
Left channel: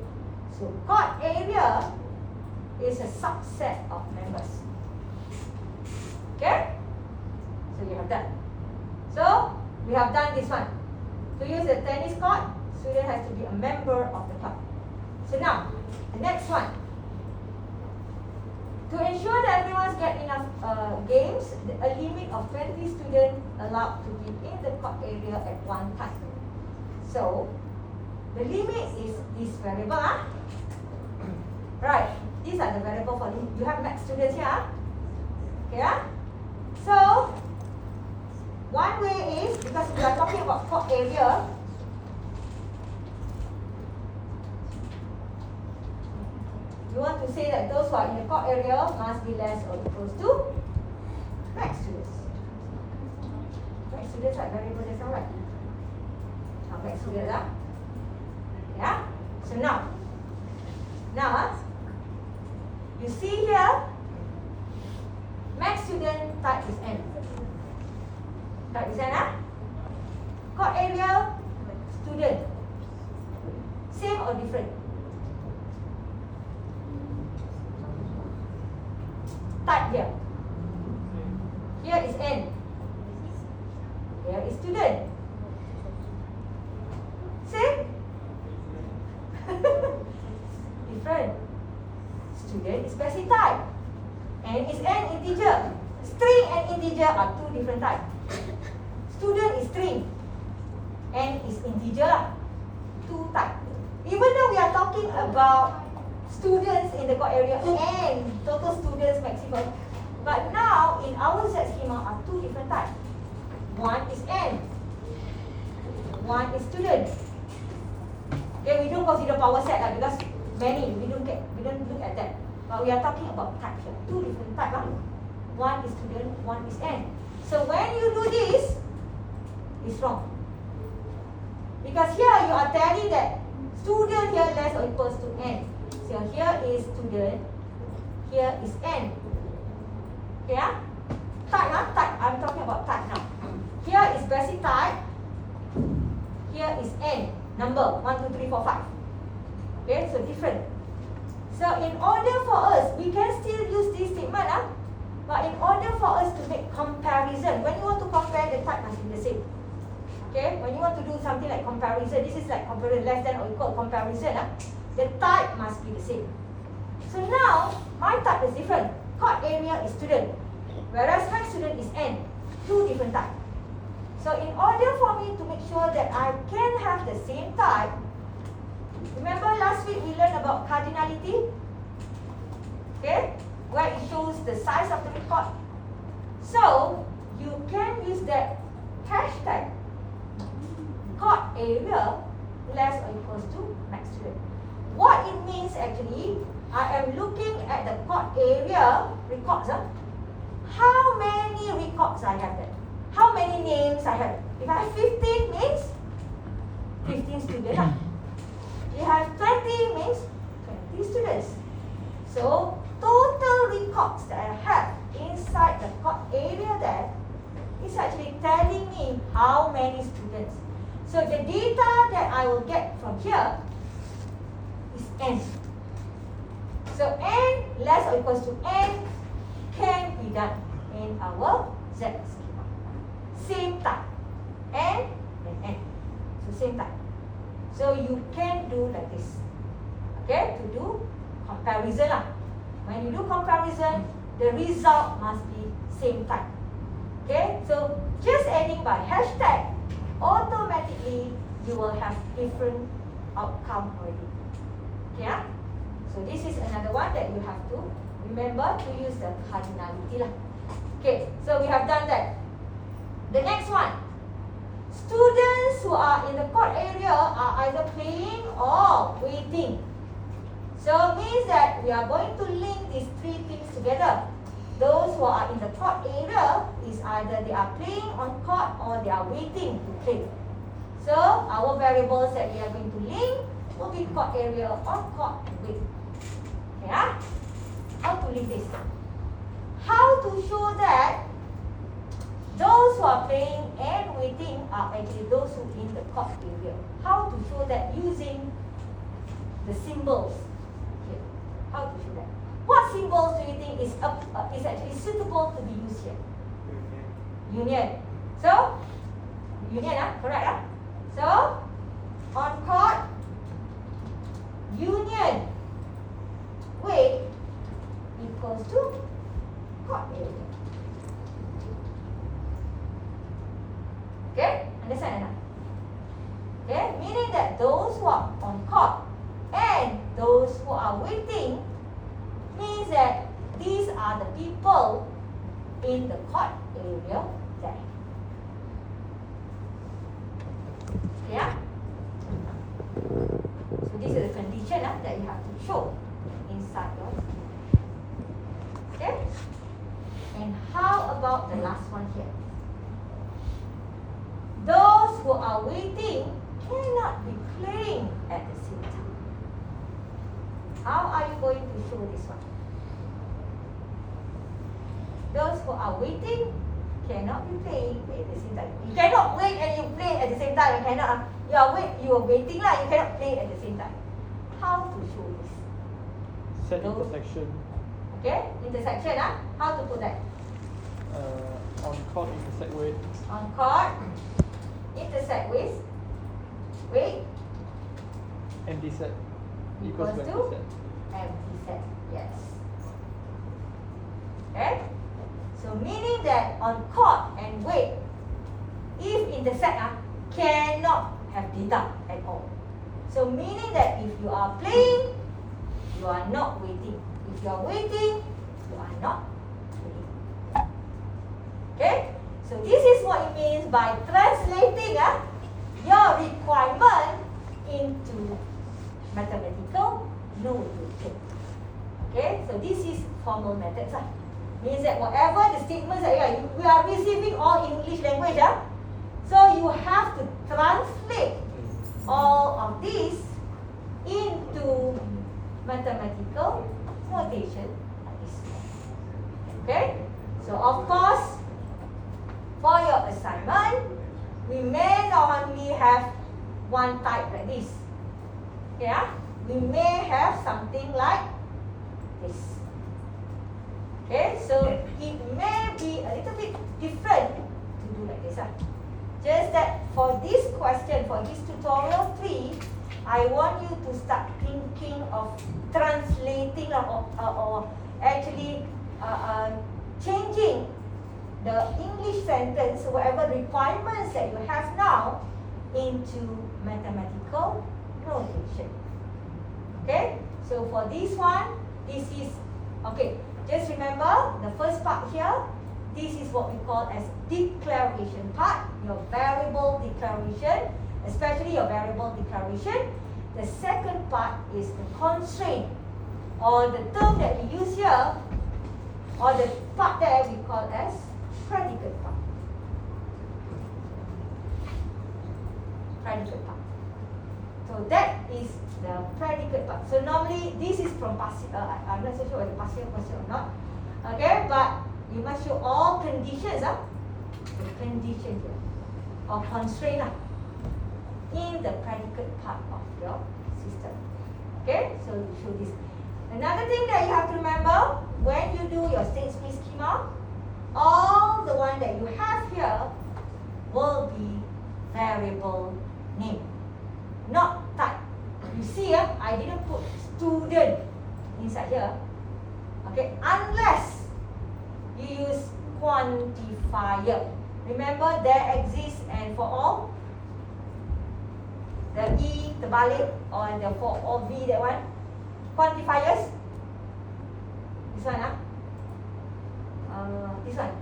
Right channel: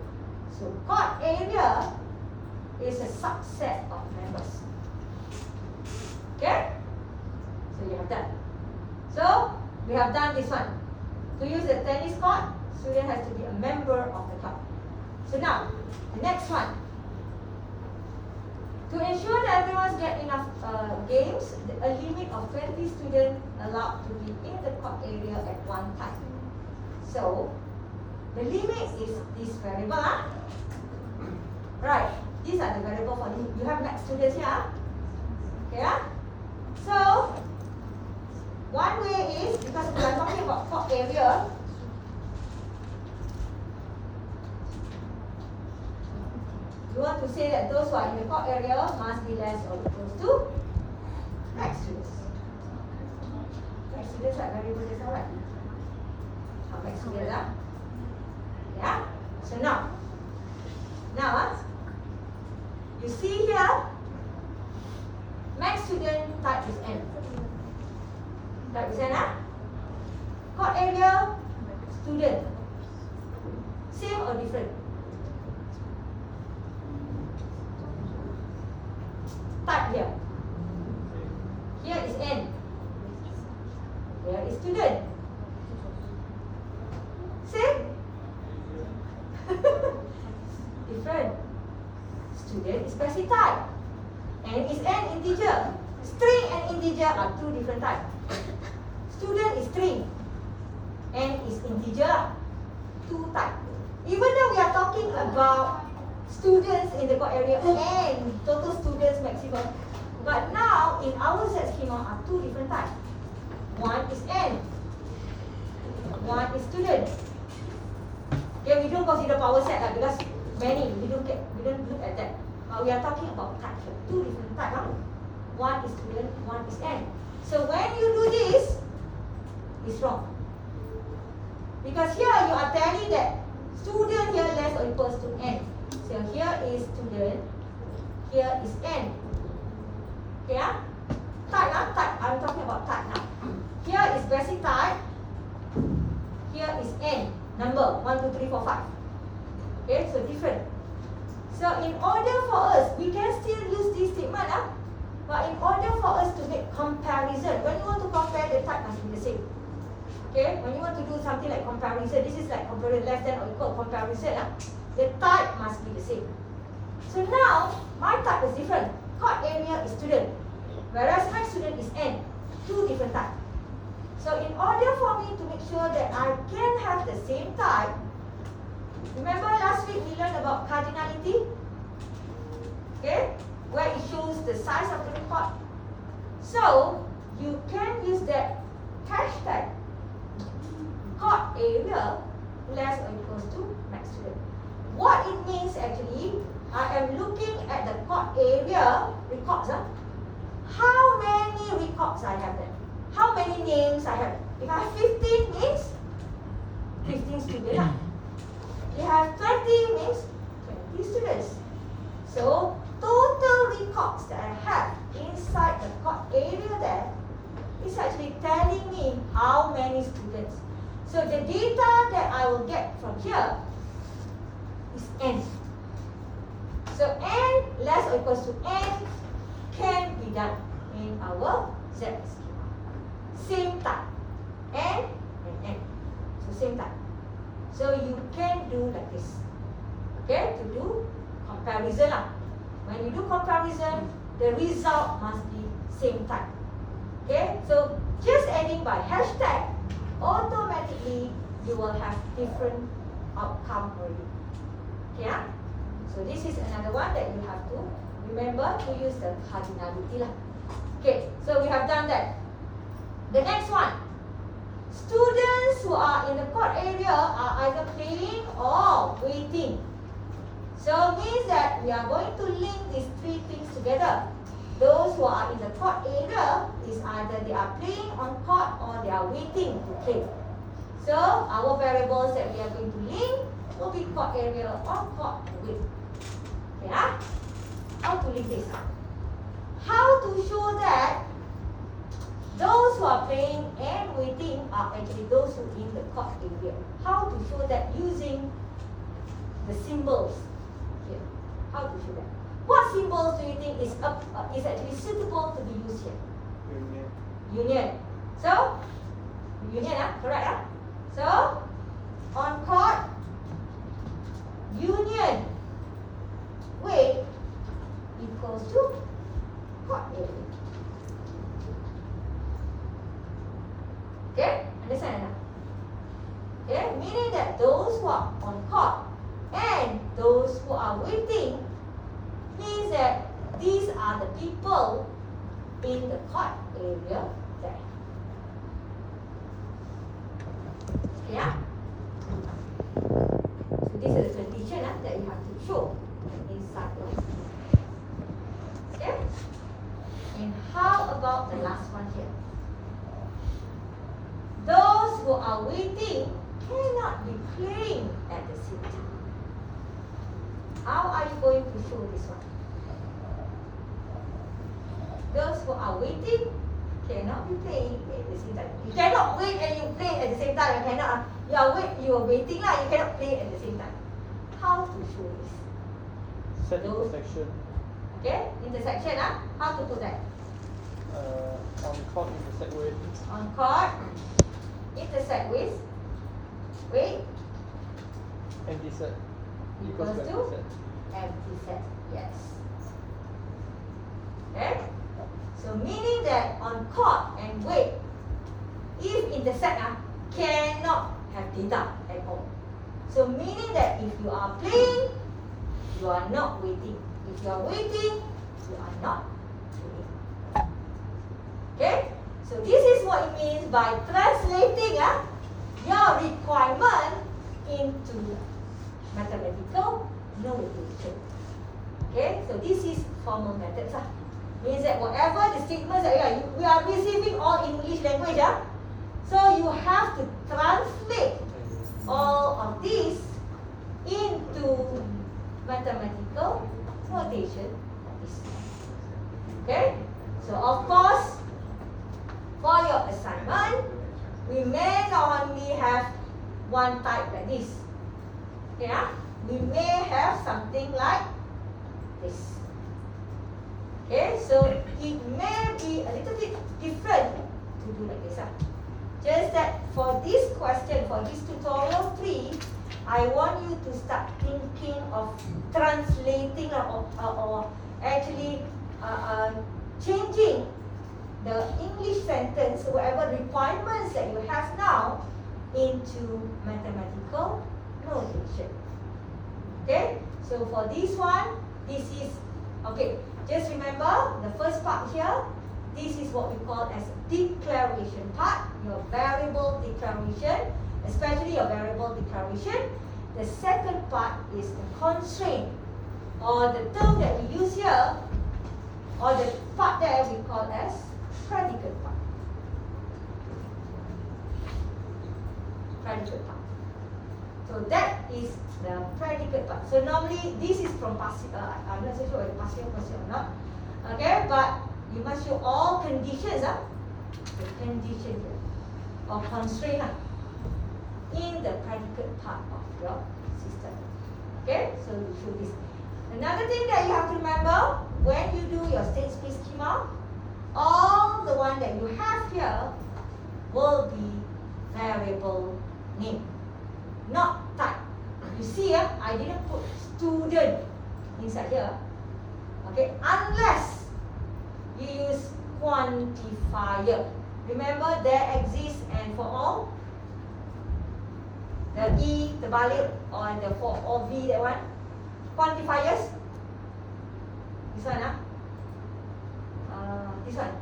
So court area is a subset of members. Okay? So you have done. So we have done this one. To use the tennis court, student has to be a member of the club. So now, the next one. To ensure that everyone gets enough games, a limit of 20 students allowed to be in the court area at one time. So, the limit is this variable. Right, these are the variables for you. You have max students here. Okay. So, one way is, because we are talking about court area, we want to say that those who are in the court area must be less or equal to max students. Max students are variable that's all right. Max students are. Yeah? So now, you see here, max student type is N. Type is N, court area, student. Same or different? Type here. Here is N. Here is student. Same? Different. Student is passive type. N is n integer. String and integer are two different types. Student is string. N is integer. Two types. Even though we are talking about students in the core area, n total students maximum, but now in our Z schema are two different types. One is n. One is student. Okay, we don't consider power set because many we don't look at that. But we are talking about types. Two different types. One is student, one is n. So when you do this, it's wrong. Because here you are telling that student here less or equals to n. So here is student, here is n. Okay, type now, type. I'm talking about type now. Here is basic type. Here is n. Number 1, 2, 3, 4, 5. Okay, so different. So in order for us, we can still use this statement, but in order for us to make comparison, when you want to compare, the type must be the same. Okay, when you want to do something like comparison, this is like comparison less than or equal comparison, the type must be the same. So now, my type is different. Chord area is student, whereas my student is n. Two different types. So in order for me to make sure that I can have the same type, remember last week we learned about cardinality? Okay, where it shows the size of the record. So you can use that hashtag chord area less or equals to max student. What it means actually, I am looking at the chord area records. How many records I have there? How many names I have? If I have 15 means 15 students. If I have 20 means 20 students. So total records that I have inside the chord area there is actually telling me how many students. So the data that I will get from here is n. So n less or equals to n can be done in our Z schema. Same type, n and n. So same type. So you can do like this. Okay, to do comparison. When you do comparison, the result must be same type. Okay, so just adding by hashtag, automatically you will have different outcome already. Okay, so this is another one that you have to remember to use the cardinality. Okay, so we have done that. The next one, students who are in the chord area are either playing or waiting. So it means that we are going to link these three things together. Those who are in the chord area is either they are playing on chord or they are waiting to play. So our variables that we are going to link will be chord area on chord and wait. Okay, how to link this? How to show that those who are playing and waiting are actually those who are in the chord area. How to show that using the symbols. Okay. How to show that? What symbols do you think is actually suitable to be used here? Union. So, union, correct? So, on chord, union, wait equals to chord area. Okay, understand? Okay, meaning that those who are on chord and those who are waiting means that these are the people in the chord area there. Yeah. So this is the condition that you have to show inside your schema. Okay. And how about the last one here? Those who are waiting cannot be playing at the same time. How are you going to show this one? Those who are waiting cannot be playing at the same time. You cannot wait and you play at the same time. You cannot. You are waiting lah. You cannot play at the same time. How to show this? Set intersection. Okay, intersection. How to put that? On chord intersect with. On chord, intersect with. Wait. Empty set. Equals Equals to empty set. empty set. Yes. Okay? So meaning that on chord and weight, if intersect cannot have data at all. So meaning that if you are playing, you are not waiting. If you are waiting, you are not playing. Okay? So this is what it means by translating your requirement into mathematical notation. Okay? So this is formal methods. Means that whatever the statements that we are receiving all in English language. So you have to translate all of these into mathematical notation like this. Okay? So of course, for your assignment, we may not only have one type like this. Okay? We may have something like this. Okay? So it may be a little bit different to do like this. Just that for this question, for this tutorial 3, I want you to start thinking of translating or actually changing the English sentence, whatever requirements that you have now, into mathematical notation. Okay? So for this one, this is, okay, just remember the first part here, this is what we call as declaration part, your variable declaration, especially your variable declaration. The second part is the constraint, or the term that we use here, or the part that we call as predicate part. Predicate part. So that is the predicate part. So normally this is from passive, I'm not so sure whether passive or not. Okay, but you must show all conditions, the condition here, or constraint in the predicate part of your system. Okay, so you show this. Another thing that you have to remember, when you do your state space schema, all the one that you have here will be variable name, not type. You see, I didn't put student inside here. Okay, unless you use quantifier. Remember, there exists, and for all, the E, the balik, or the for all V, that one, quantifiers. This one, this one.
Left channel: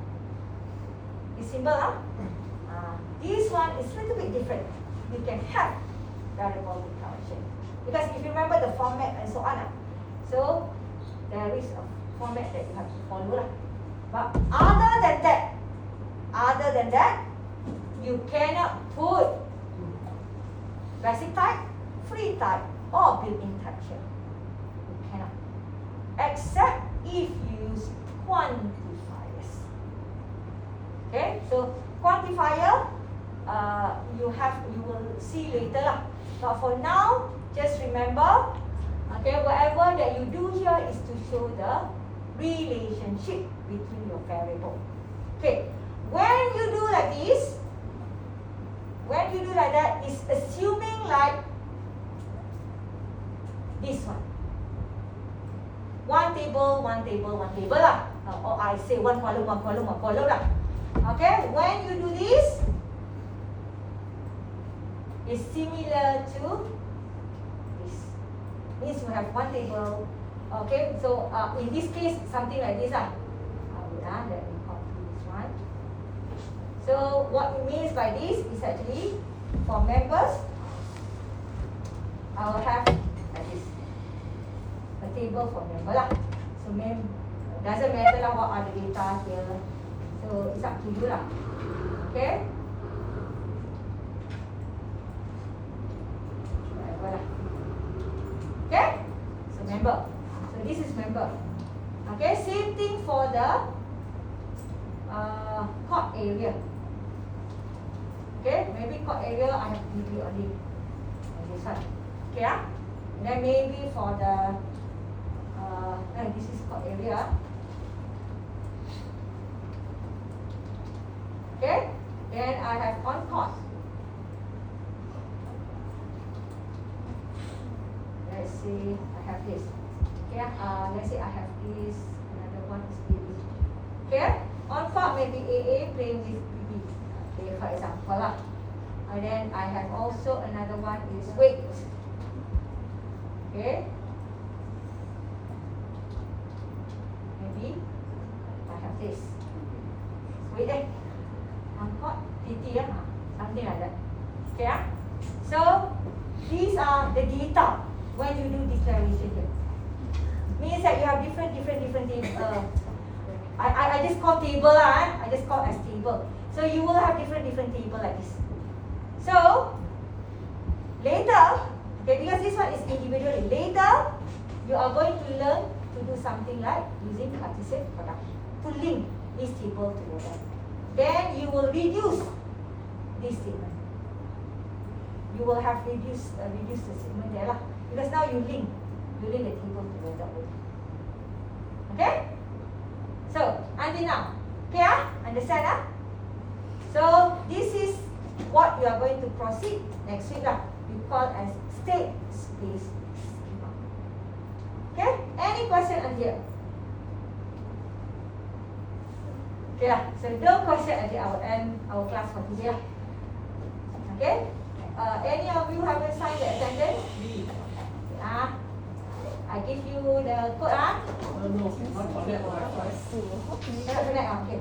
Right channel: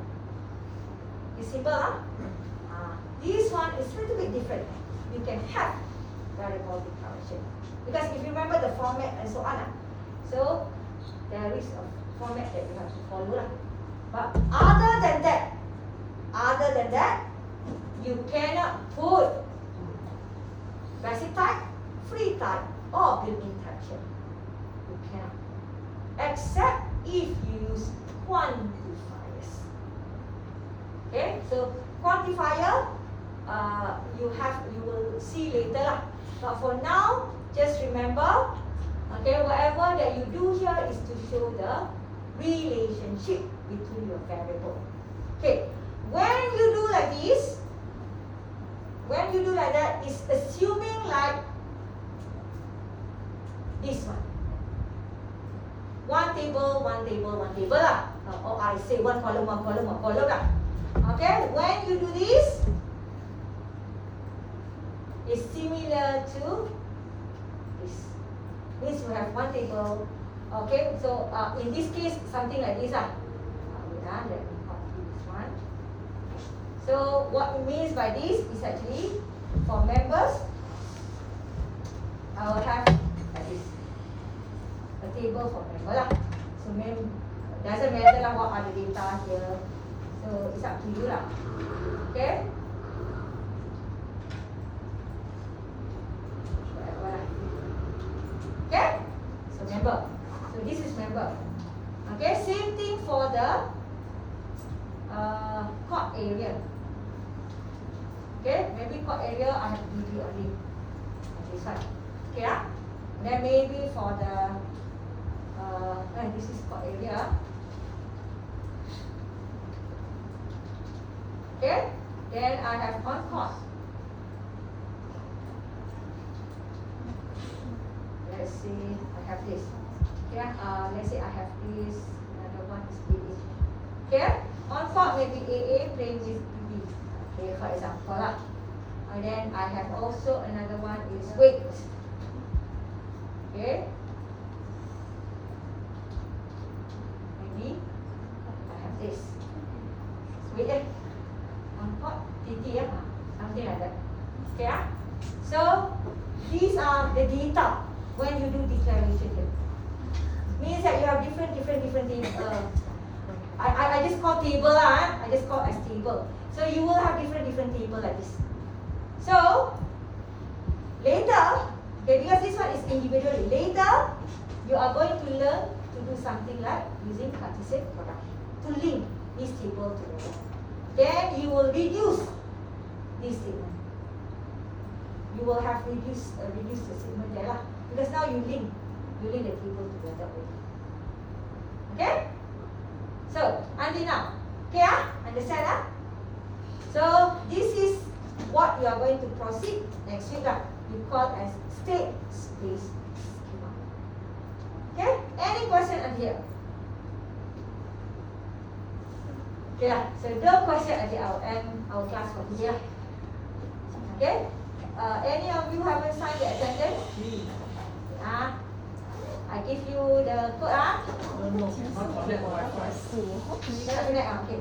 This symbol, this one is a little bit different. You can have variable declaration. Because if you remember the format and so on, so there is a format that you have to follow. But other than that, you cannot put basic type, free type, or built-in type here. You cannot. Except if you use quantifiers. Okay, so quantifier, you will see later. But for now, just remember, okay, whatever that you do here is to show the relationship between your variable. Okay, when you do like this, when you do like that, it's assuming like this one. One table lah. Or I say one column lah. Okay, when you do this, it's similar to this. Means we have one table. Okay, so in this case, something like this. Let me copy this one. So what it means by this is actually for members, I will have like this, a table for member lah. So doesn't matter lah what are the data here. So it's up to you lah. Okay. Whatever lah. Okay. So member. So this is member. Okay. Same thing for the chord area. Okay. Maybe chord area I have to do only this one. Okay. Then maybe for the this is chord area. Okay. Then I have on chord. Let's see, I have this. Okay, let's say I have this. Another one is this. Okay? On top maybe AA playing with BB. Okay, for example lah. And then I have also another one is weight. Okay? Maybe I have this. Weight on top TT something like that. Okay? So these are the data when you do declaration here. Means that you have different I just call table lah. I just call as table. So you will have different table like this. So later, okay, because this one is individually. Later, you are going to learn to do something like using Cartesian product to link this table together. Then you will reduce this table. You will have reduced the segment there lah. Because now you link the table together. Okay? So, until now. Okay, understand? So, this is what you are going to proceed next week. You call as state space schema. Okay? Any question on here? Okay, so no question until I will end our class for today. Okay? Any of you haven't signed the attendance? I give you the code. No, not connect Wi-Fi. Cannot connect. Okay.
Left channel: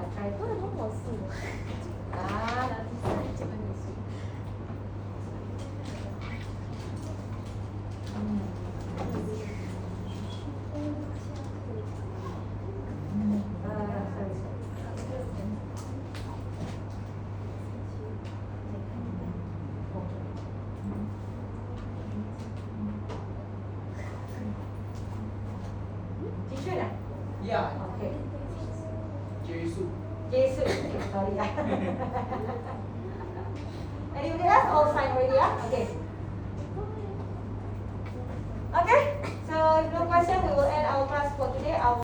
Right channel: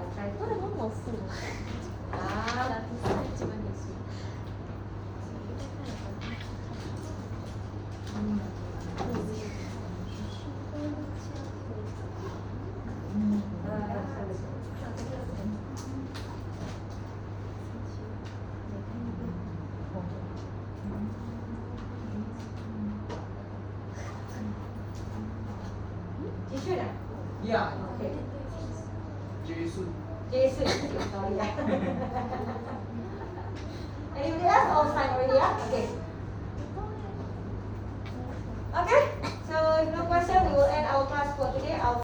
I'll try to. Yeah. Okay. Jesus. Jesus. Okay, sorry. Anybody else? All signed already? Okay. Okay.